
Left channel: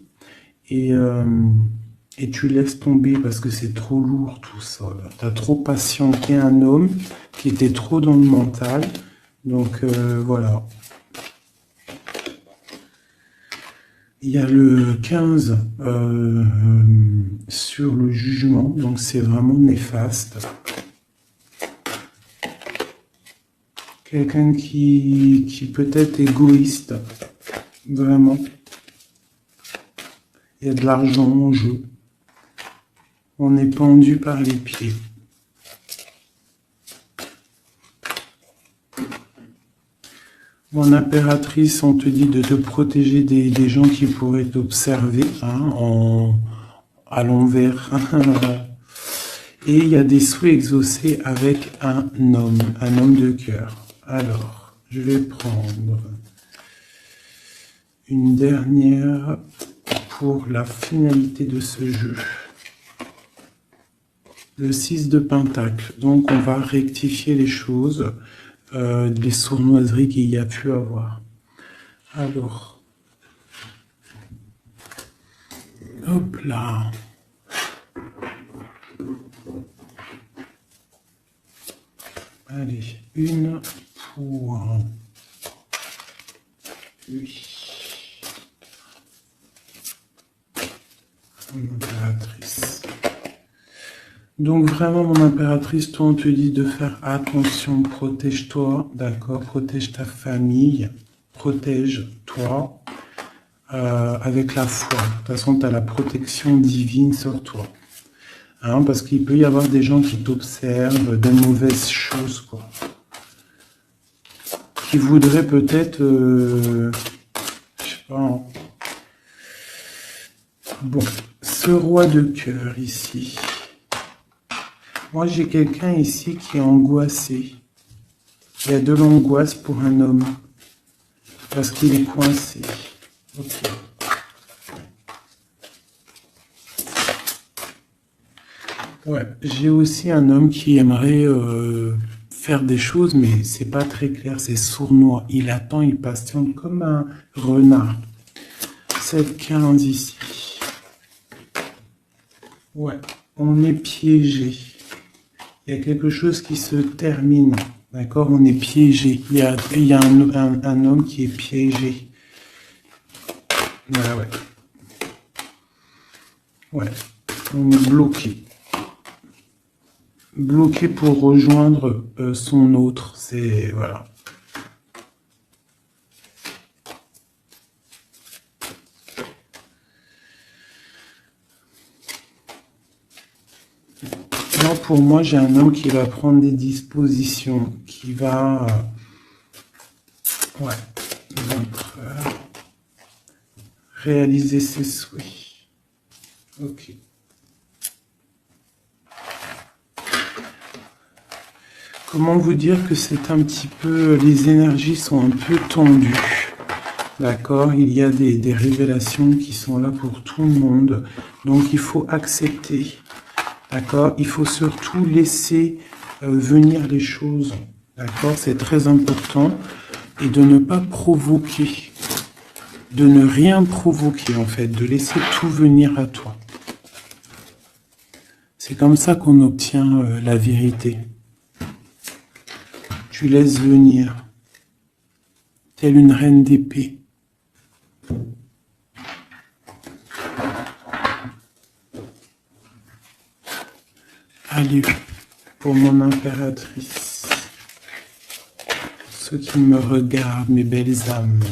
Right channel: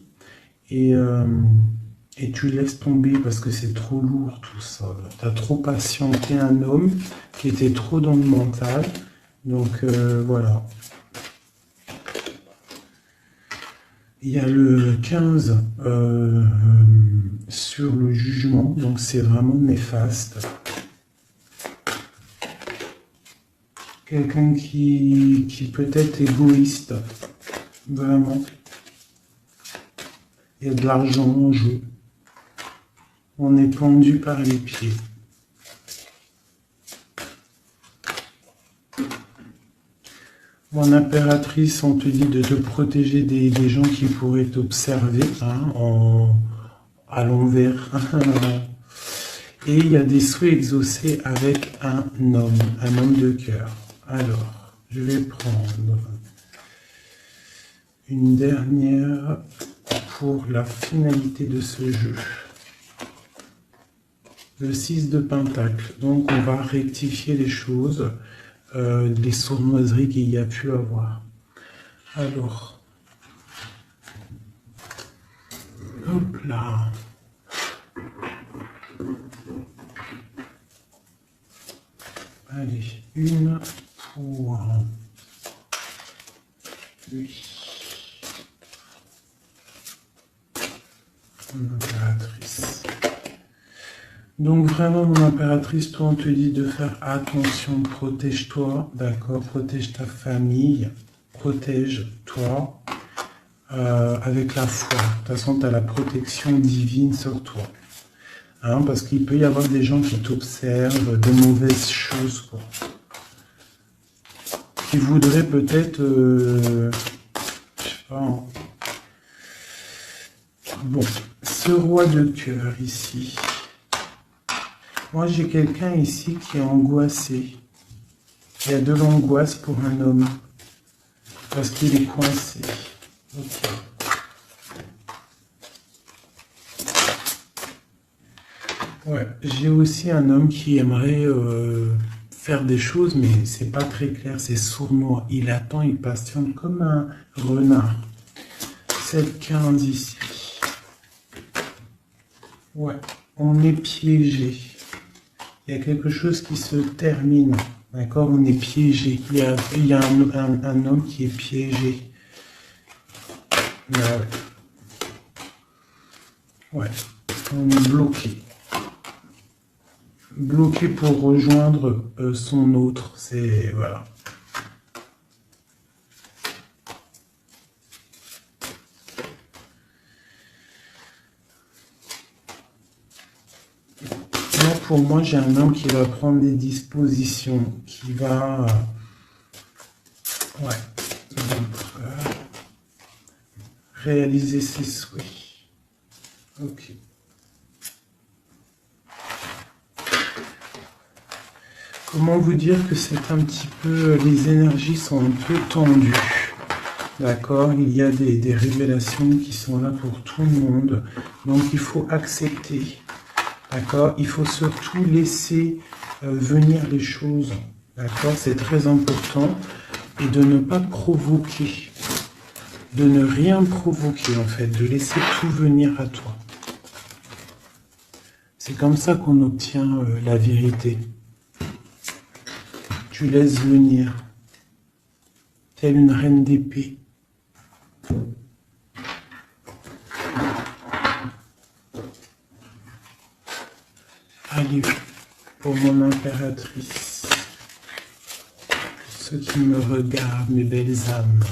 Et tu laisses tomber parce que c'est trop lourd tout ça. Tu as trop patienté un homme qui était trop dans le mental. Donc voilà. Il y a le 15 sur le jugement, donc c'est vraiment néfaste. Quelqu'un qui peut être égoïste, vraiment. Il y a de l'argent en jeu. On est pendu par les pieds. Mon impératrice, on te dit de te protéger des gens qui pourraient t'observer hein, à l'envers. Et il y a des souhaits exaucés avec un homme de cœur. Alors, je vais prendre une dernière pour la finalité de ce jeu. Le 6 de Pentacle. Donc, on va rectifier les choses. Les sournoiseries qu'il y a pu avoir. Alors, hop là. Allez, une pour lui. Mon impératrice. Donc vraiment, mon impératrice, toi, on te dit de faire attention, protège-toi, d'accord, protège ta famille, protège-toi avec la foi. De toute façon, tu as la protection divine sur toi. Hein, parce qu'il peut y avoir des gens qui t'observent, des mauvaises choses, quoi. Qui voudraient peut-être, je sais pas. Hein. Bon, ce roi de cœur ici. Moi, j'ai quelqu'un ici qui est angoissé. Il y a de l'angoisse pour un homme. Parce qu'il est coincé. Okay. Ouais, j'ai aussi un homme qui aimerait faire des choses, mais c'est pas très clair, c'est sournois. Il attend, il patiente comme un renard. C'est le 15 ici. Ouais, on est piégé. Il y a quelque chose qui se termine, d'accord? On est piégé. Il y a un homme qui est piégé. Ouais, ouais. Ouais, on est bloqué. Bloqué pour rejoindre son autre. C'est, voilà. Pour moi, j'ai un homme qui va prendre des dispositions, qui va réaliser ses souhaits. Ok. Comment vous dire que c'est un petit peu, les énergies sont un peu tendues. D'accord, il y a des révélations qui sont là pour tout le monde. Donc il faut accepter. D'accord, il faut surtout laisser venir les choses. D'accord, c'est très important. Et de ne pas provoquer. De ne rien provoquer en fait. De laisser tout venir à toi. C'est comme ça qu'on obtient la vérité. Tu laisses venir. telle une reine d'épée. Allez, pour mon impératrice, ceux qui me regardent, mes belles âmes.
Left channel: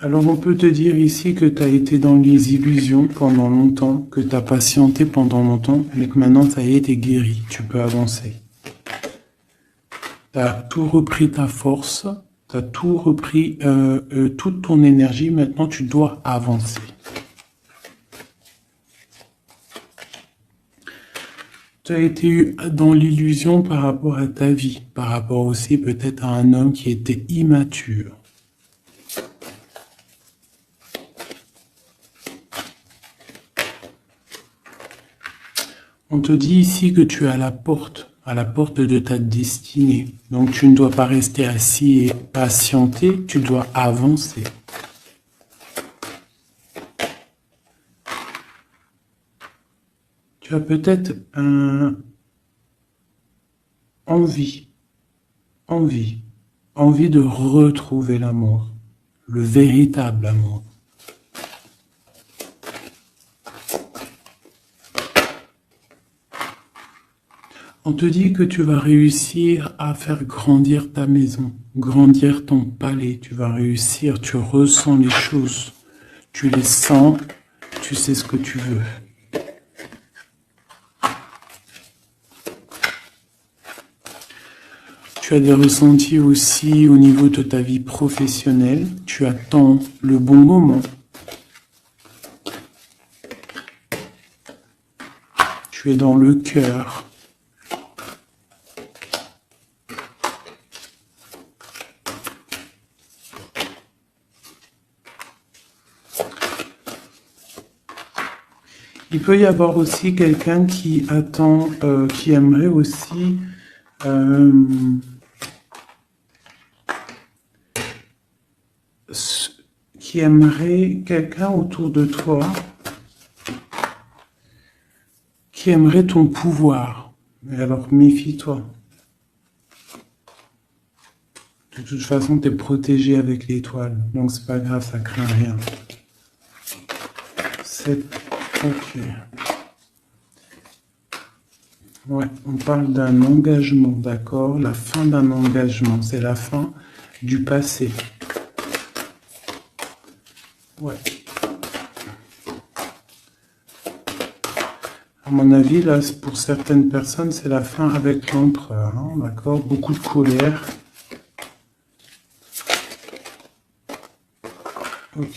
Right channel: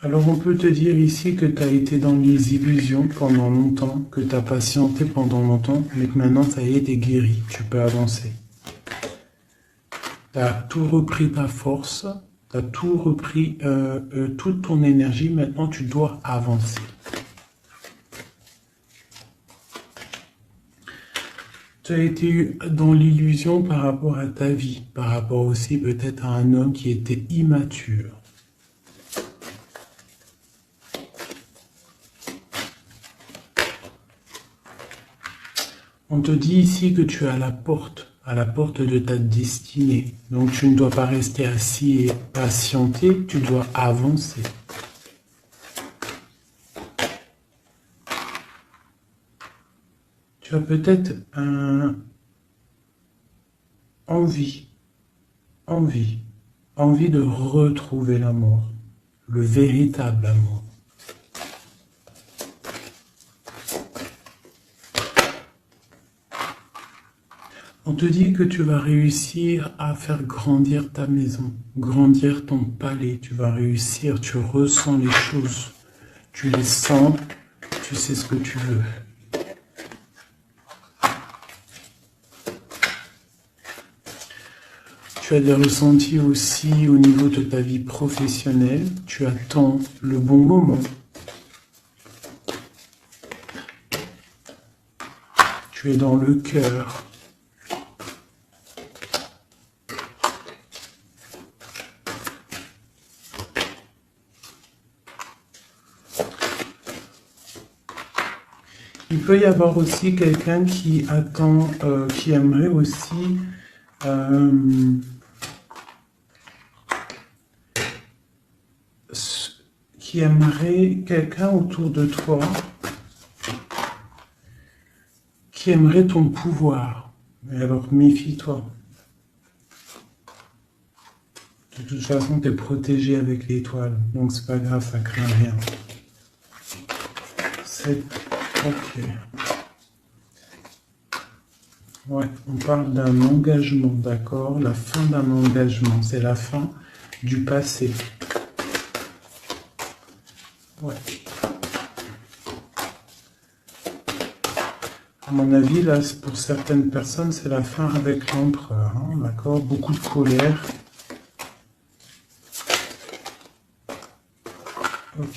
Alors on peut te dire ici que tu as été dans les illusions pendant longtemps, que tu as patienté pendant longtemps, mais que maintenant ça y est, t'es guéri, tu peux avancer. Tu as tout repris ta force, tu as tout repris, toute ton énergie, maintenant tu dois avancer. Tu as été dans l'illusion par rapport à ta vie, par rapport aussi peut-être à un homme qui était immature. On te dit ici que tu es à la porte de ta destinée. Donc tu ne dois pas rester assis et patienter, tu dois avancer. Tu as peut-être envie de retrouver l'amour, le véritable amour. On te dit que tu vas réussir à faire grandir ta maison, grandir ton palais. Tu vas réussir, tu ressens les choses, tu les sens, tu sais ce que tu veux. Tu as des ressentis aussi au niveau de ta vie professionnelle. Tu attends le bon moment. Tu es dans le cœur. Il peut y avoir aussi quelqu'un qui attend, qui aimerait aussi qui aimerait quelqu'un autour de toi, qui aimerait ton pouvoir. Mais alors méfie-toi. De toute façon, tu es protégé avec l'étoile, donc c'est pas grave, ça craint rien. C'est ok. Ouais, on parle d'un engagement, d'accord? La fin d'un engagement, c'est la fin du passé. Ouais. À mon avis, là, pour certaines personnes, c'est la fin avec l'empereur, hein, d'accord? Beaucoup de colère. Ok.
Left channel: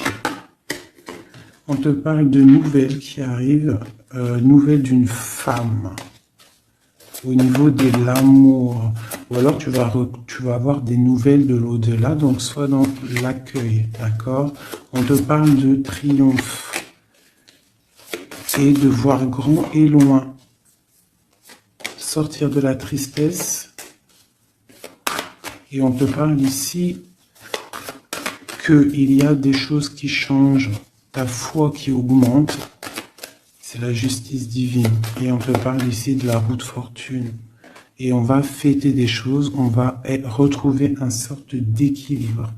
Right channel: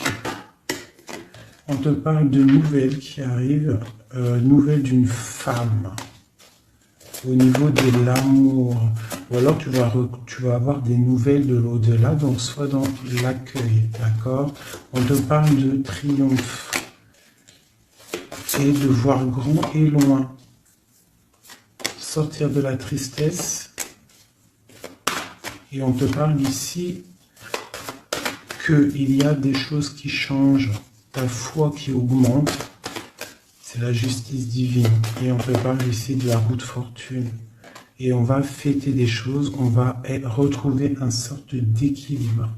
On te parle de nouvelles qui arrivent, nouvelles d'une femme. Au niveau de l'amour, ou alors tu vas avoir des nouvelles de l'au-delà, donc soit dans l'accueil, d'accord? On te parle de triomphe et de voir grand et loin, sortir de la tristesse, et on te parle ici qu'il y a des choses qui changent, ta foi qui augmente. C'est la justice divine. Et on te parle ici de la roue de fortune. Et on va fêter des choses, on va retrouver une sorte d'équilibre.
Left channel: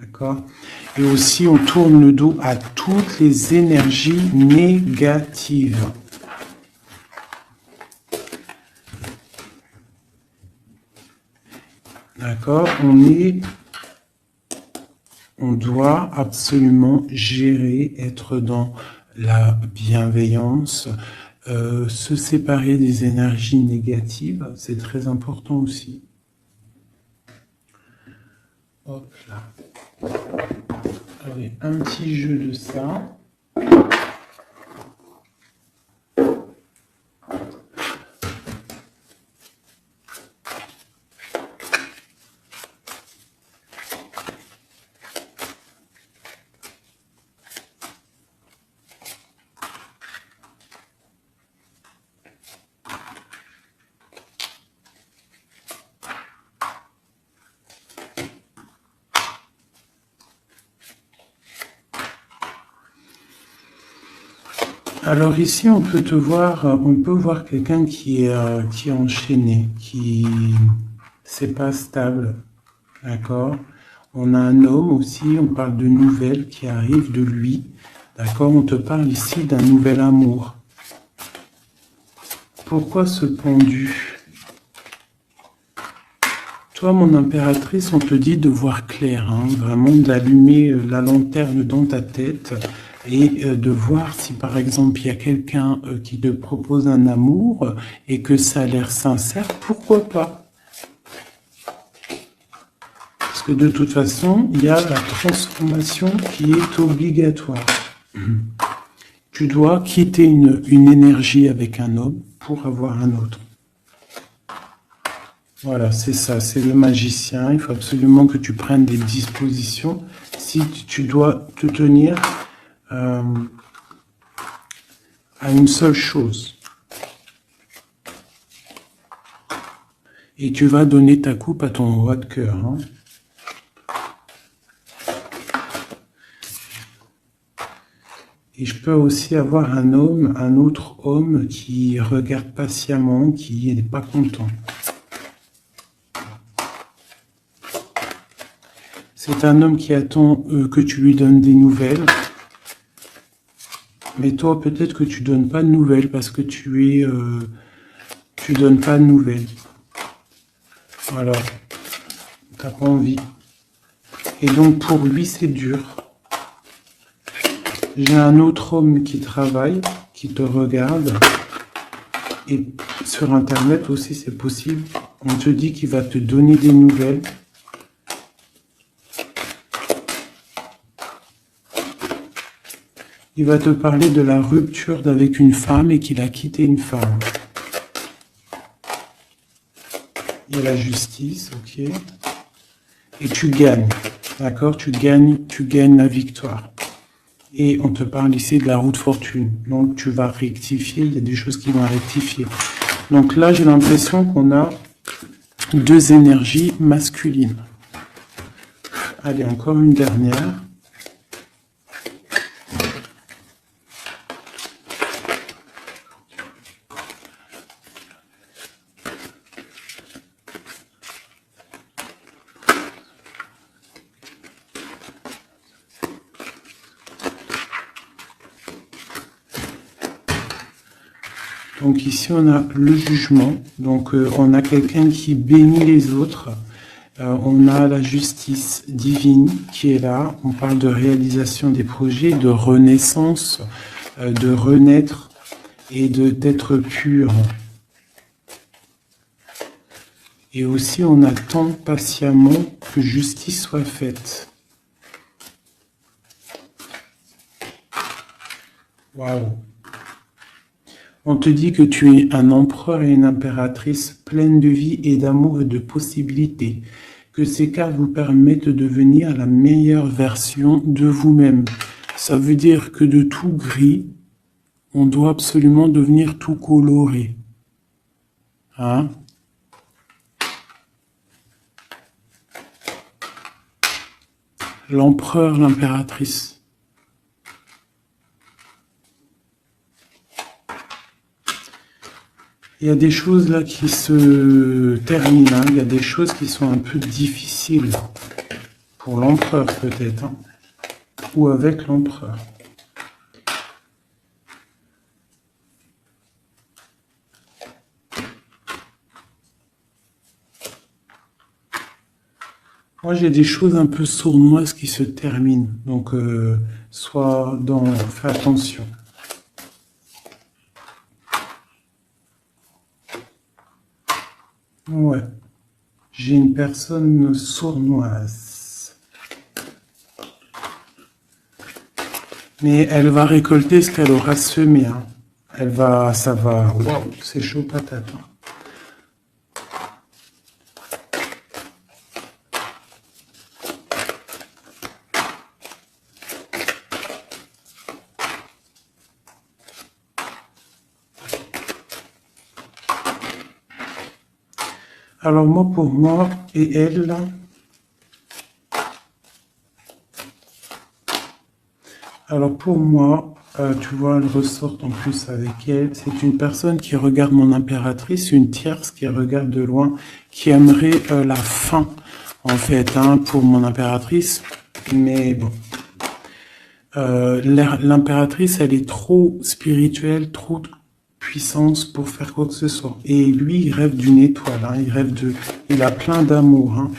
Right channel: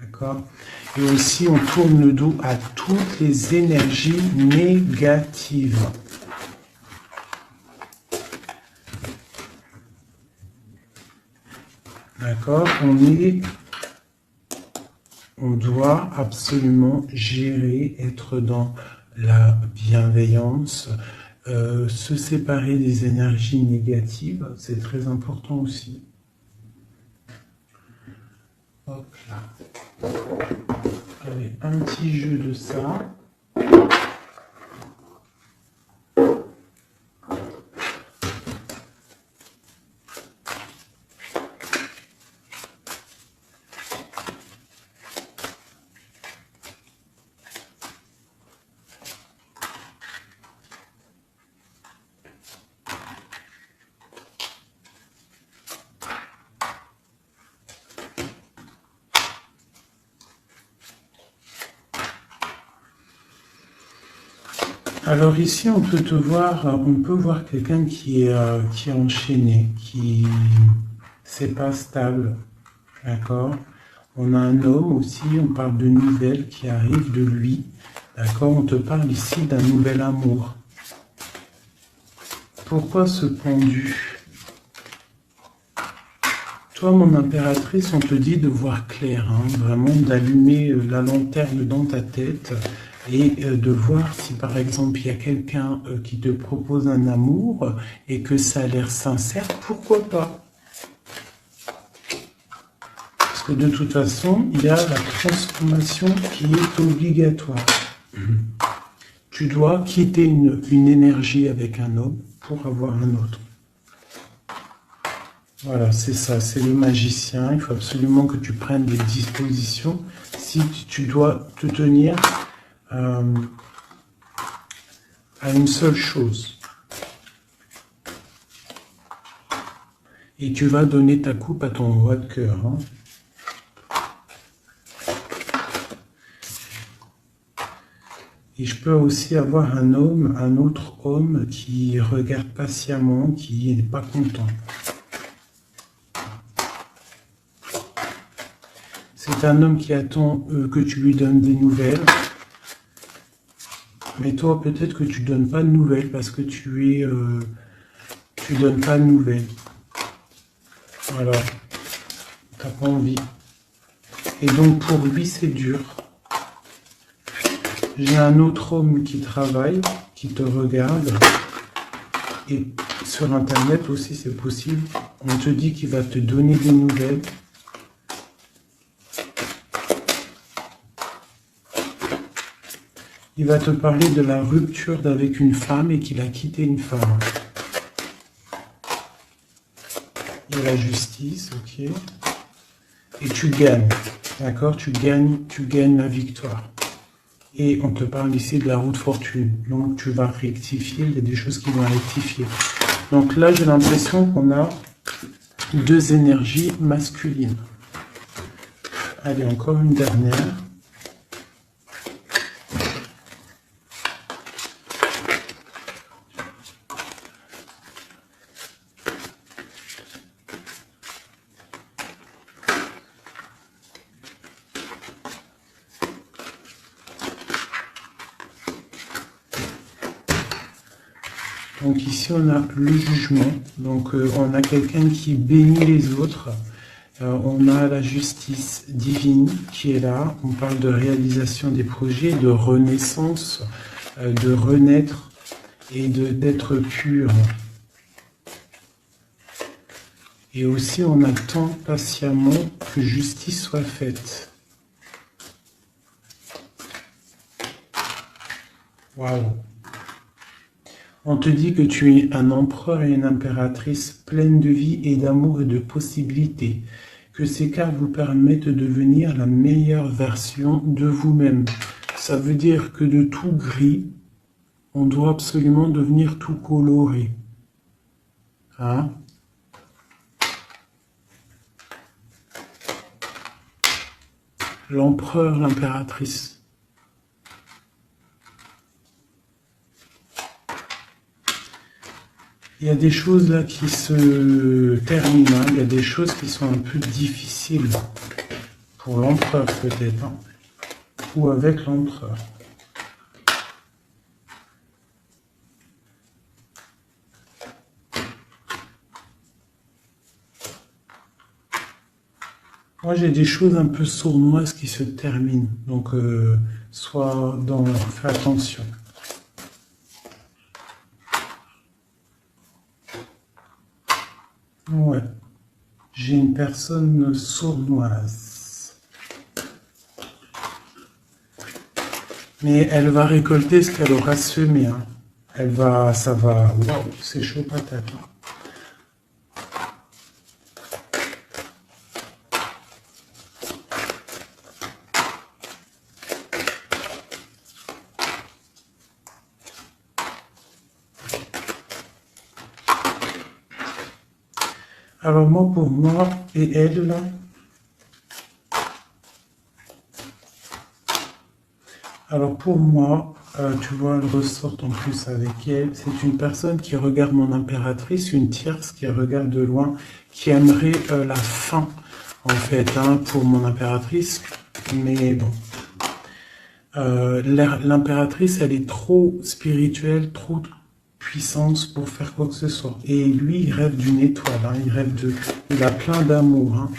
D'accord? Et aussi, on tourne le dos à toutes les énergies négatives. D'accord? On doit absolument gérer, être dans la bienveillance, se séparer des énergies négatives, c'est très important aussi. Hop là. Allez, un petit jeu de ça. Alors ici, on peut te voir, on peut voir quelqu'un qui est enchaîné, qui c'est pas stable, d'accord? On a un homme aussi, on parle de nouvelles qui arrivent de lui, d'accord? On te parle ici d'un nouvel amour. Pourquoi ce pendu? Toi, mon impératrice, on te dit de voir clair, hein, vraiment d'allumer la lanterne dans ta tête et de voir si par exemple il y a quelqu'un qui te propose un amour et que ça a l'air sincère, pourquoi pas? Parce que de toute façon, il y a la transformation qui est obligatoire. Tu dois quitter une énergie avec un homme pour avoir un autre. Voilà, c'est ça, c'est le magicien. Il faut absolument que tu prennes des dispositions. Si tu dois te tenir à une seule chose. Et tu vas donner ta coupe à ton roi de cœur. Hein. Et je peux aussi avoir un homme, un autre homme qui regarde patiemment, qui n'est pas content. C'est un homme qui attend que tu lui donnes des nouvelles. Mais toi, peut-être que tu donnes pas de nouvelles parce que tu donnes pas de nouvelles. Alors, t'as pas envie. Et donc pour lui, c'est dur. J'ai un autre homme qui travaille, qui te regarde. Et sur Internet aussi, c'est possible. On te dit qu'il va te donner des nouvelles. Il va te parler de la rupture avec une femme et qu'il a quitté une femme. Il y a la justice, ok. Et tu gagnes, d'accord? Tu gagnes la victoire. Et on te parle ici de la roue de fortune. Donc tu vas rectifier, il y a des choses qui vont rectifier. Donc là, j'ai l'impression qu'on a deux énergies masculines. Allez, encore une dernière. Donc ici, on a le jugement. Donc on a quelqu'un qui bénit les autres. On a la justice divine qui est là. On parle de réalisation des projets, de renaissance, de renaître et d'être pur. Et aussi, on attend patiemment que justice soit faite. Waouh! On te dit que tu es un empereur et une impératrice pleine de vie et d'amour et de possibilités. Que ces cartes vous permettent de devenir la meilleure version de vous-même. Ça veut dire que de tout gris, on doit absolument devenir tout coloré. Hein? L'empereur, l'impératrice. Il y a des choses là qui se terminent, hein. Il y a des choses qui sont un peu difficiles pour l'empereur peut-être, hein. Ou avec l'empereur. Moi j'ai des choses un peu sournoises qui se terminent, donc fais attention. Ouais, j'ai une personne sournoise. Mais elle va récolter ce qu'elle aura semé. Hein. Ça va. Waouh, c'est chaud patate. Hein. Alors moi, pour moi, et elle, là, alors pour moi, tu vois, elle ressort en plus avec elle. C'est une personne qui regarde mon impératrice, une tierce qui regarde de loin, qui aimerait la fin, en fait, hein, pour mon impératrice. Mais bon, l'impératrice, elle est trop spirituelle, trop puissance pour faire quoi que ce soit. Et lui, il rêve d'une étoile, hein, il a plein d'amour. Hein.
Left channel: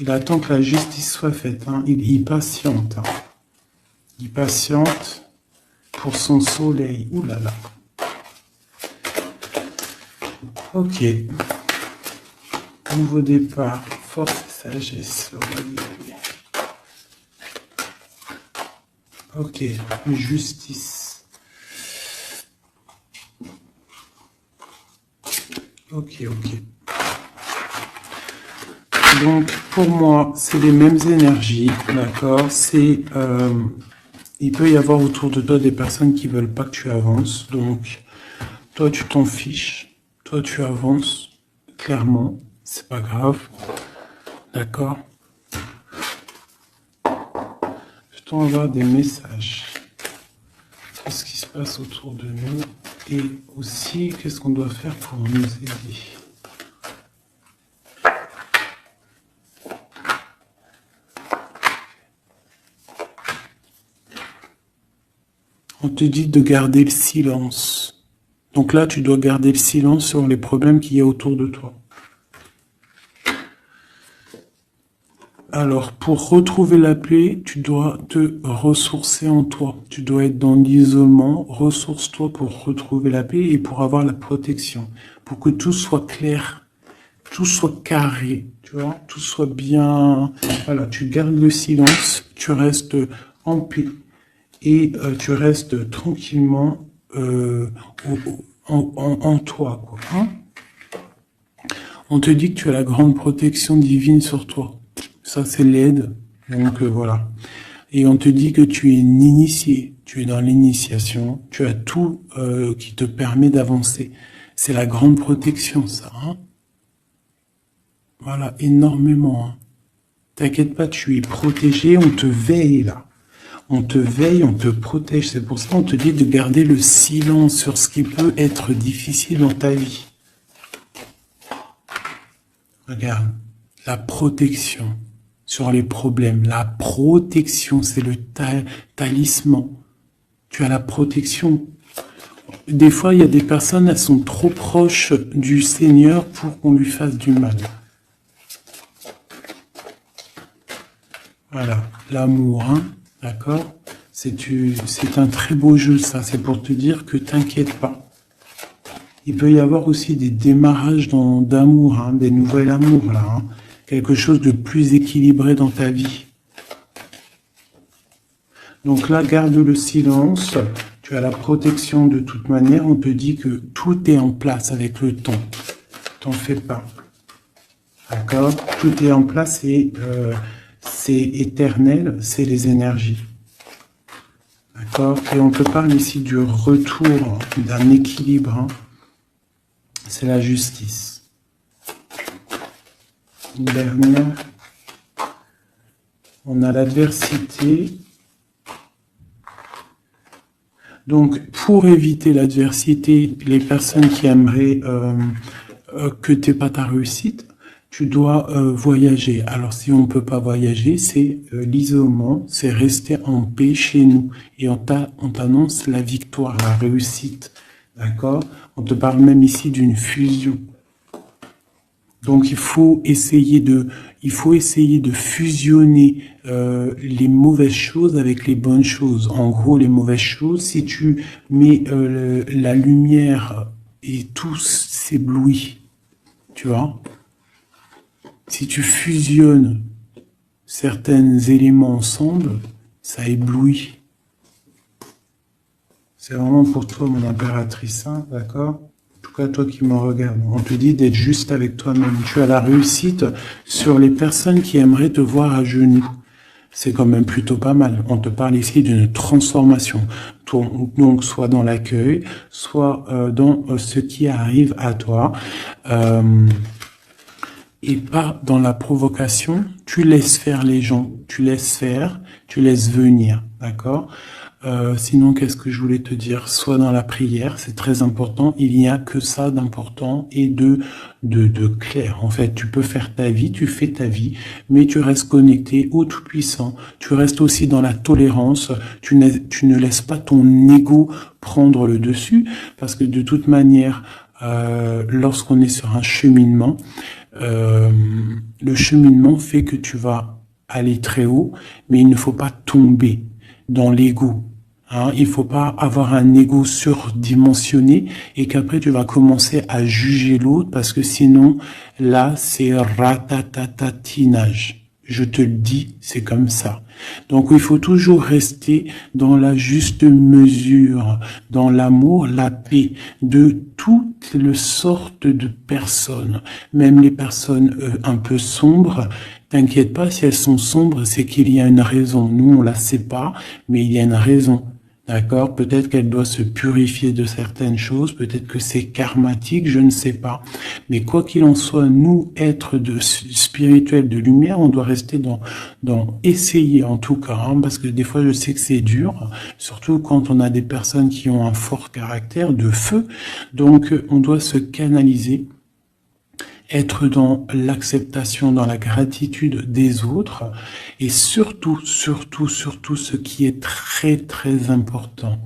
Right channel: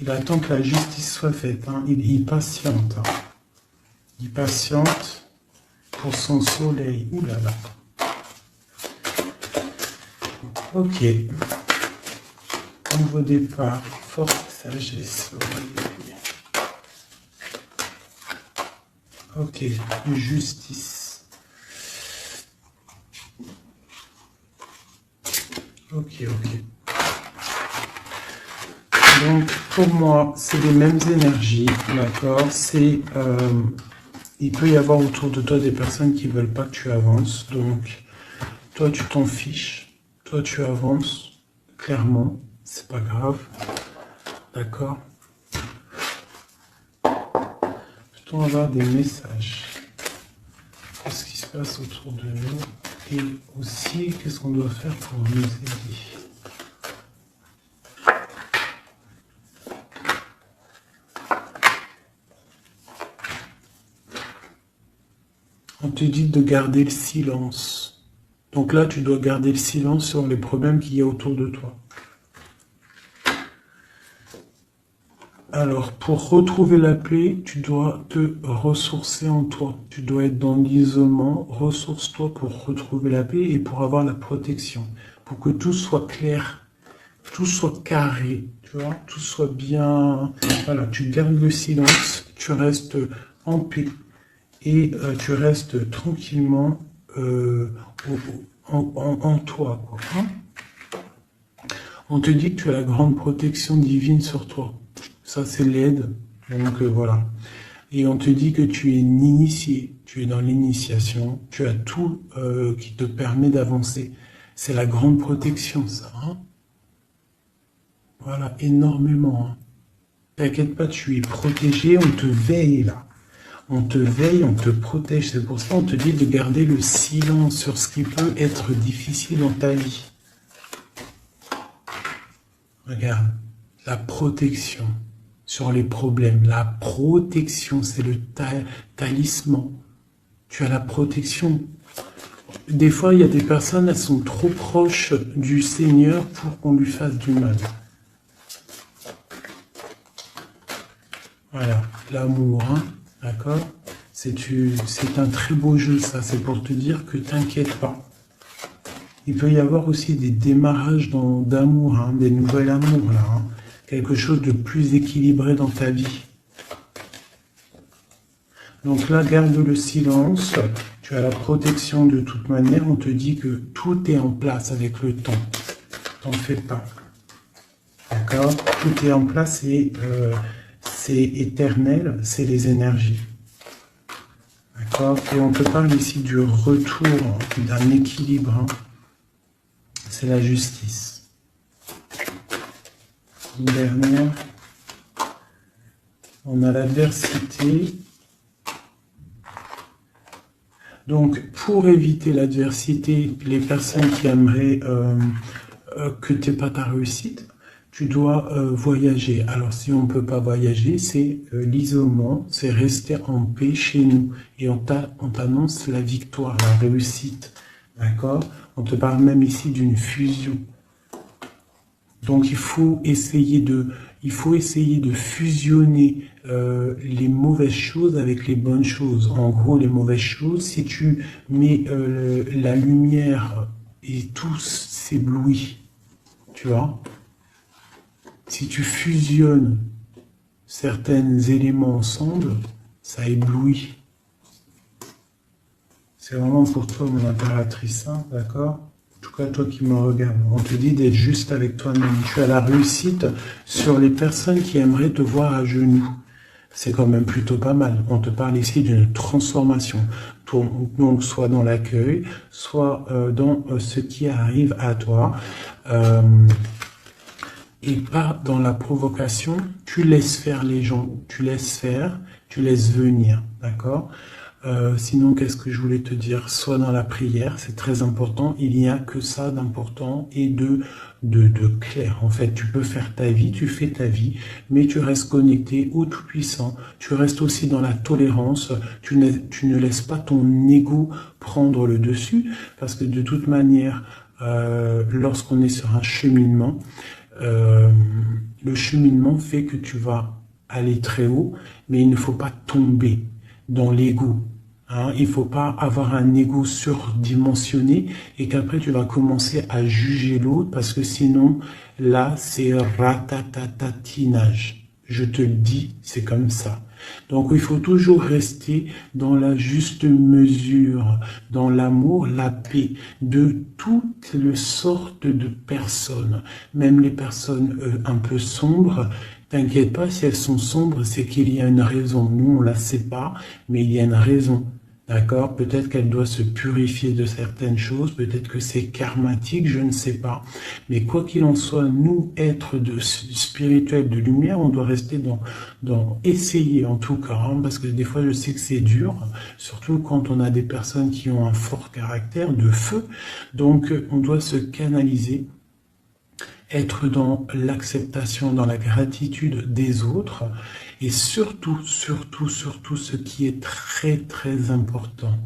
Il attend que la justice soit faite. Hein. Il patiente. Hein. Il patiente pour son soleil. Ouh là là. Ok. Nouveau départ. Force et sagesse. Ok. Justice. Ok. Donc, pour moi, c'est les mêmes énergies, d'accord? Il peut y avoir autour de toi des personnes qui veulent pas que tu avances. Donc, toi, tu t'en fiches. Toi, tu avances. Clairement, c'est pas grave. D'accord? Peut-on avoir des messages? Qu'est-ce qui se passe autour de nous? Et aussi, qu'est-ce qu'on doit faire pour nous aider? On te dit de garder le silence. Donc là, tu dois garder le silence sur les problèmes qu'il y a autour de toi. Alors, pour retrouver la paix, tu dois te ressourcer en toi. Tu dois être dans l'isolement. Ressource-toi pour retrouver la paix et pour avoir la protection. Pour que tout soit clair, tout soit carré, tu vois, tout soit bien. Voilà, tu gardes le silence, tu restes en paix. Et tu restes tranquillement en toi. Quoi, hein. On te dit que tu as la grande protection divine sur toi. Ça, c'est l'aide. Donc voilà. Et on te dit que tu es une initiée. Tu es dans l'initiation. Tu as tout qui te permet d'avancer. C'est la grande protection, ça. Hein. Voilà, énormément. Hein. T'inquiète pas, tu es protégé. On te veille, là. On te veille, on te protège. C'est pour ça qu'on te dit de garder le silence sur ce qui peut être difficile dans ta vie. Regarde, la protection sur les problèmes. La protection, c'est le talisman. Tu as la protection. Des fois, il y a des personnes, elles sont trop proches du Seigneur pour qu'on lui fasse du mal. Voilà, l'amour, hein. D'accord? C'est un très beau jeu, ça. C'est pour te dire que t'inquiète pas. Il peut y avoir aussi des démarrages d'amour, hein, des nouvelles amours, là. Hein. Quelque chose de plus équilibré dans ta vie. Donc là, garde le silence. Tu as la protection de toute manière. On te dit que tout est en place avec le temps. T'en fais pas. D'accord? Tout est en place et c'est éternel, c'est les énergies. D'accord? Et on te parle ici du retour, d'un équilibre. Hein. C'est la justice. Une dernière. On a l'adversité. Donc, pour éviter l'adversité, les personnes qui aimeraient que tu n'aies pas ta réussite, tu dois voyager. Alors, si on ne peut pas voyager, c'est l'isolement, c'est rester en paix chez nous. Et on t'annonce la victoire, la réussite. D'accord? On te parle même ici d'une fusion. Donc, il faut essayer de fusionner les mauvaises choses avec les bonnes choses. En gros, les mauvaises choses, si tu mets la lumière et tout s'éblouit, tu vois? Si tu fusionnes certains éléments ensemble, ça éblouit. C'est vraiment pour toi, mon impératrice, hein, d'accord? En tout cas, toi qui me regardes, on te dit d'être juste avec toi-même. Tu as la réussite sur les personnes qui aimeraient te voir à genoux. C'est quand même plutôt pas mal. On te parle ici d'une transformation. Donc, soit dans l'accueil, soit dans ce qui arrive à toi. et pas dans la provocation. Tu laisses faire les gens, tu laisses faire, tu laisses venir, d'accord? Sinon, qu'est-ce que je voulais te dire? Sois dans la prière, c'est très important. Il n'y a que ça d'important et de clair. En fait, tu peux faire ta vie, tu fais ta vie, mais tu restes connecté au Tout-Puissant. Tu restes aussi dans la tolérance. Tu ne laisses pas ton ego prendre le dessus, parce que de toute manière, lorsqu'on est sur un cheminement, le cheminement fait que tu vas aller très haut, mais il ne faut pas tomber dans l'ego. Hein, il faut pas avoir un ego surdimensionné et qu'après tu vas commencer à juger l'autre parce que sinon, là, c'est ratatatinage. Je te le dis, c'est comme ça. Donc, il faut toujours rester dans la juste mesure, dans l'amour, la paix de toutes les sortes de personnes, même les personnes un peu sombres. T'inquiète pas, si elles sont sombres, c'est qu'il y a une raison. Nous, on la sait pas, mais il y a une raison. D'accord? Peut-être qu'elle doit se purifier de certaines choses, peut-être que c'est karmatique, je ne sais pas. Mais quoi qu'il en soit, nous, êtres de spirituels de lumière, on doit rester dans essayer en tout cas, hein, parce que des fois je sais que c'est dur, surtout quand on a des personnes qui ont un fort caractère de feu. Donc on doit se canaliser, être dans l'acceptation, dans la gratitude des autres, et surtout, ce qui est très, très important,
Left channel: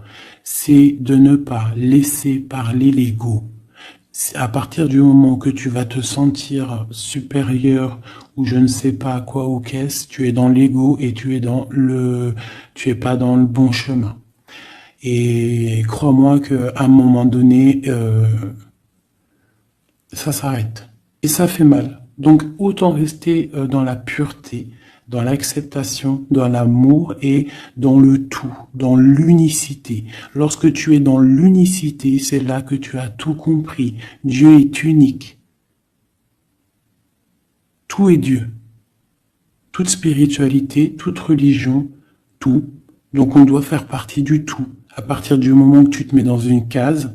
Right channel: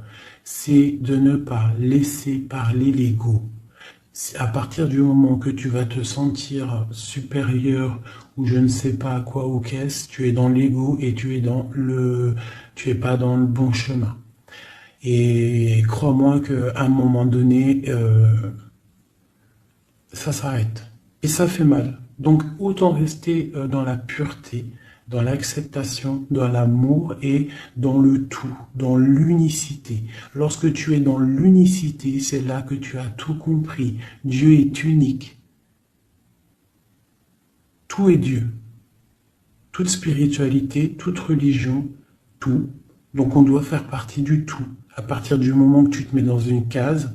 c'est de ne pas laisser parler l'ego. À partir du moment que tu vas te sentir supérieur ou je ne sais pas quoi ou qu'est-ce, tu es dans l'ego et tu es pas dans le bon chemin. Et crois-moi qu'à un moment donné, ça s'arrête. Et ça fait mal. Donc autant rester dans la pureté, dans l'acceptation, dans l'amour et dans le tout, dans l'unicité. Lorsque tu es dans l'unicité, c'est là que tu as tout compris. Dieu est unique. Tout est Dieu. Toute spiritualité, toute religion, tout. Donc on doit faire partie du tout. À partir du moment que tu te mets dans une case,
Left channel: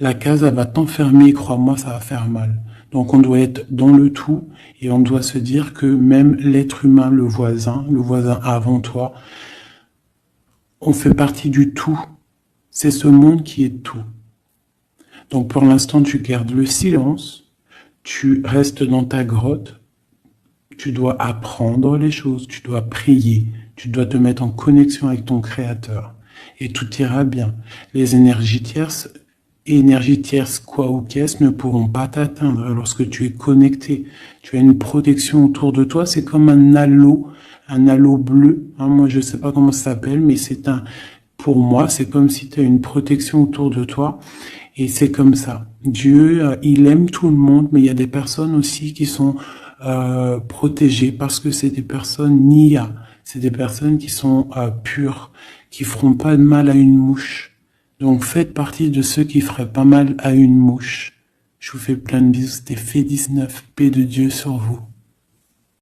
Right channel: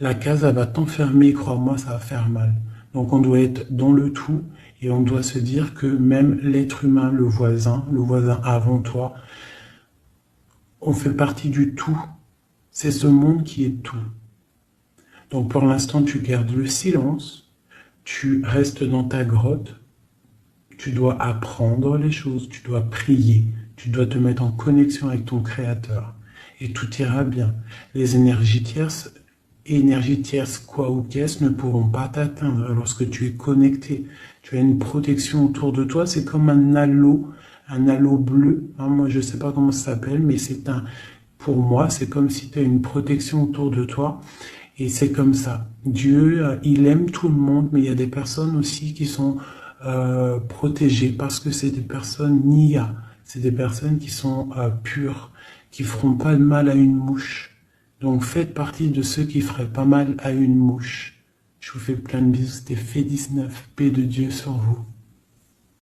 la case, elle va t'enfermer, crois-moi, ça va faire mal. Donc on doit être dans le tout et on doit se dire que même l'être humain, le voisin avant toi, on fait partie du tout. C'est ce monde qui est tout. Donc pour l'instant, tu gardes le silence, tu restes dans ta grotte, tu dois apprendre les choses, tu dois prier, tu dois te mettre en connexion avec ton Créateur et tout ira bien. Les énergies tierces, quoi ou qu'est-ce, ne pourront pas t'atteindre lorsque tu es connecté. Tu as une protection autour de toi, c'est comme un halo bleu. Hein, moi, je sais pas comment ça s'appelle, mais pour moi, c'est comme si tu as une protection autour de toi. Et c'est comme ça. Dieu, il aime tout le monde, mais il y a des personnes aussi qui sont protégées parce que c'est des personnes Nia. C'est des personnes qui sont pures, qui feront pas de mal à une mouche. Donc faites partie de ceux qui feraient pas mal à une mouche. Je vous fais plein de bisous, c'était Fait 19, paix de Dieu sur vous.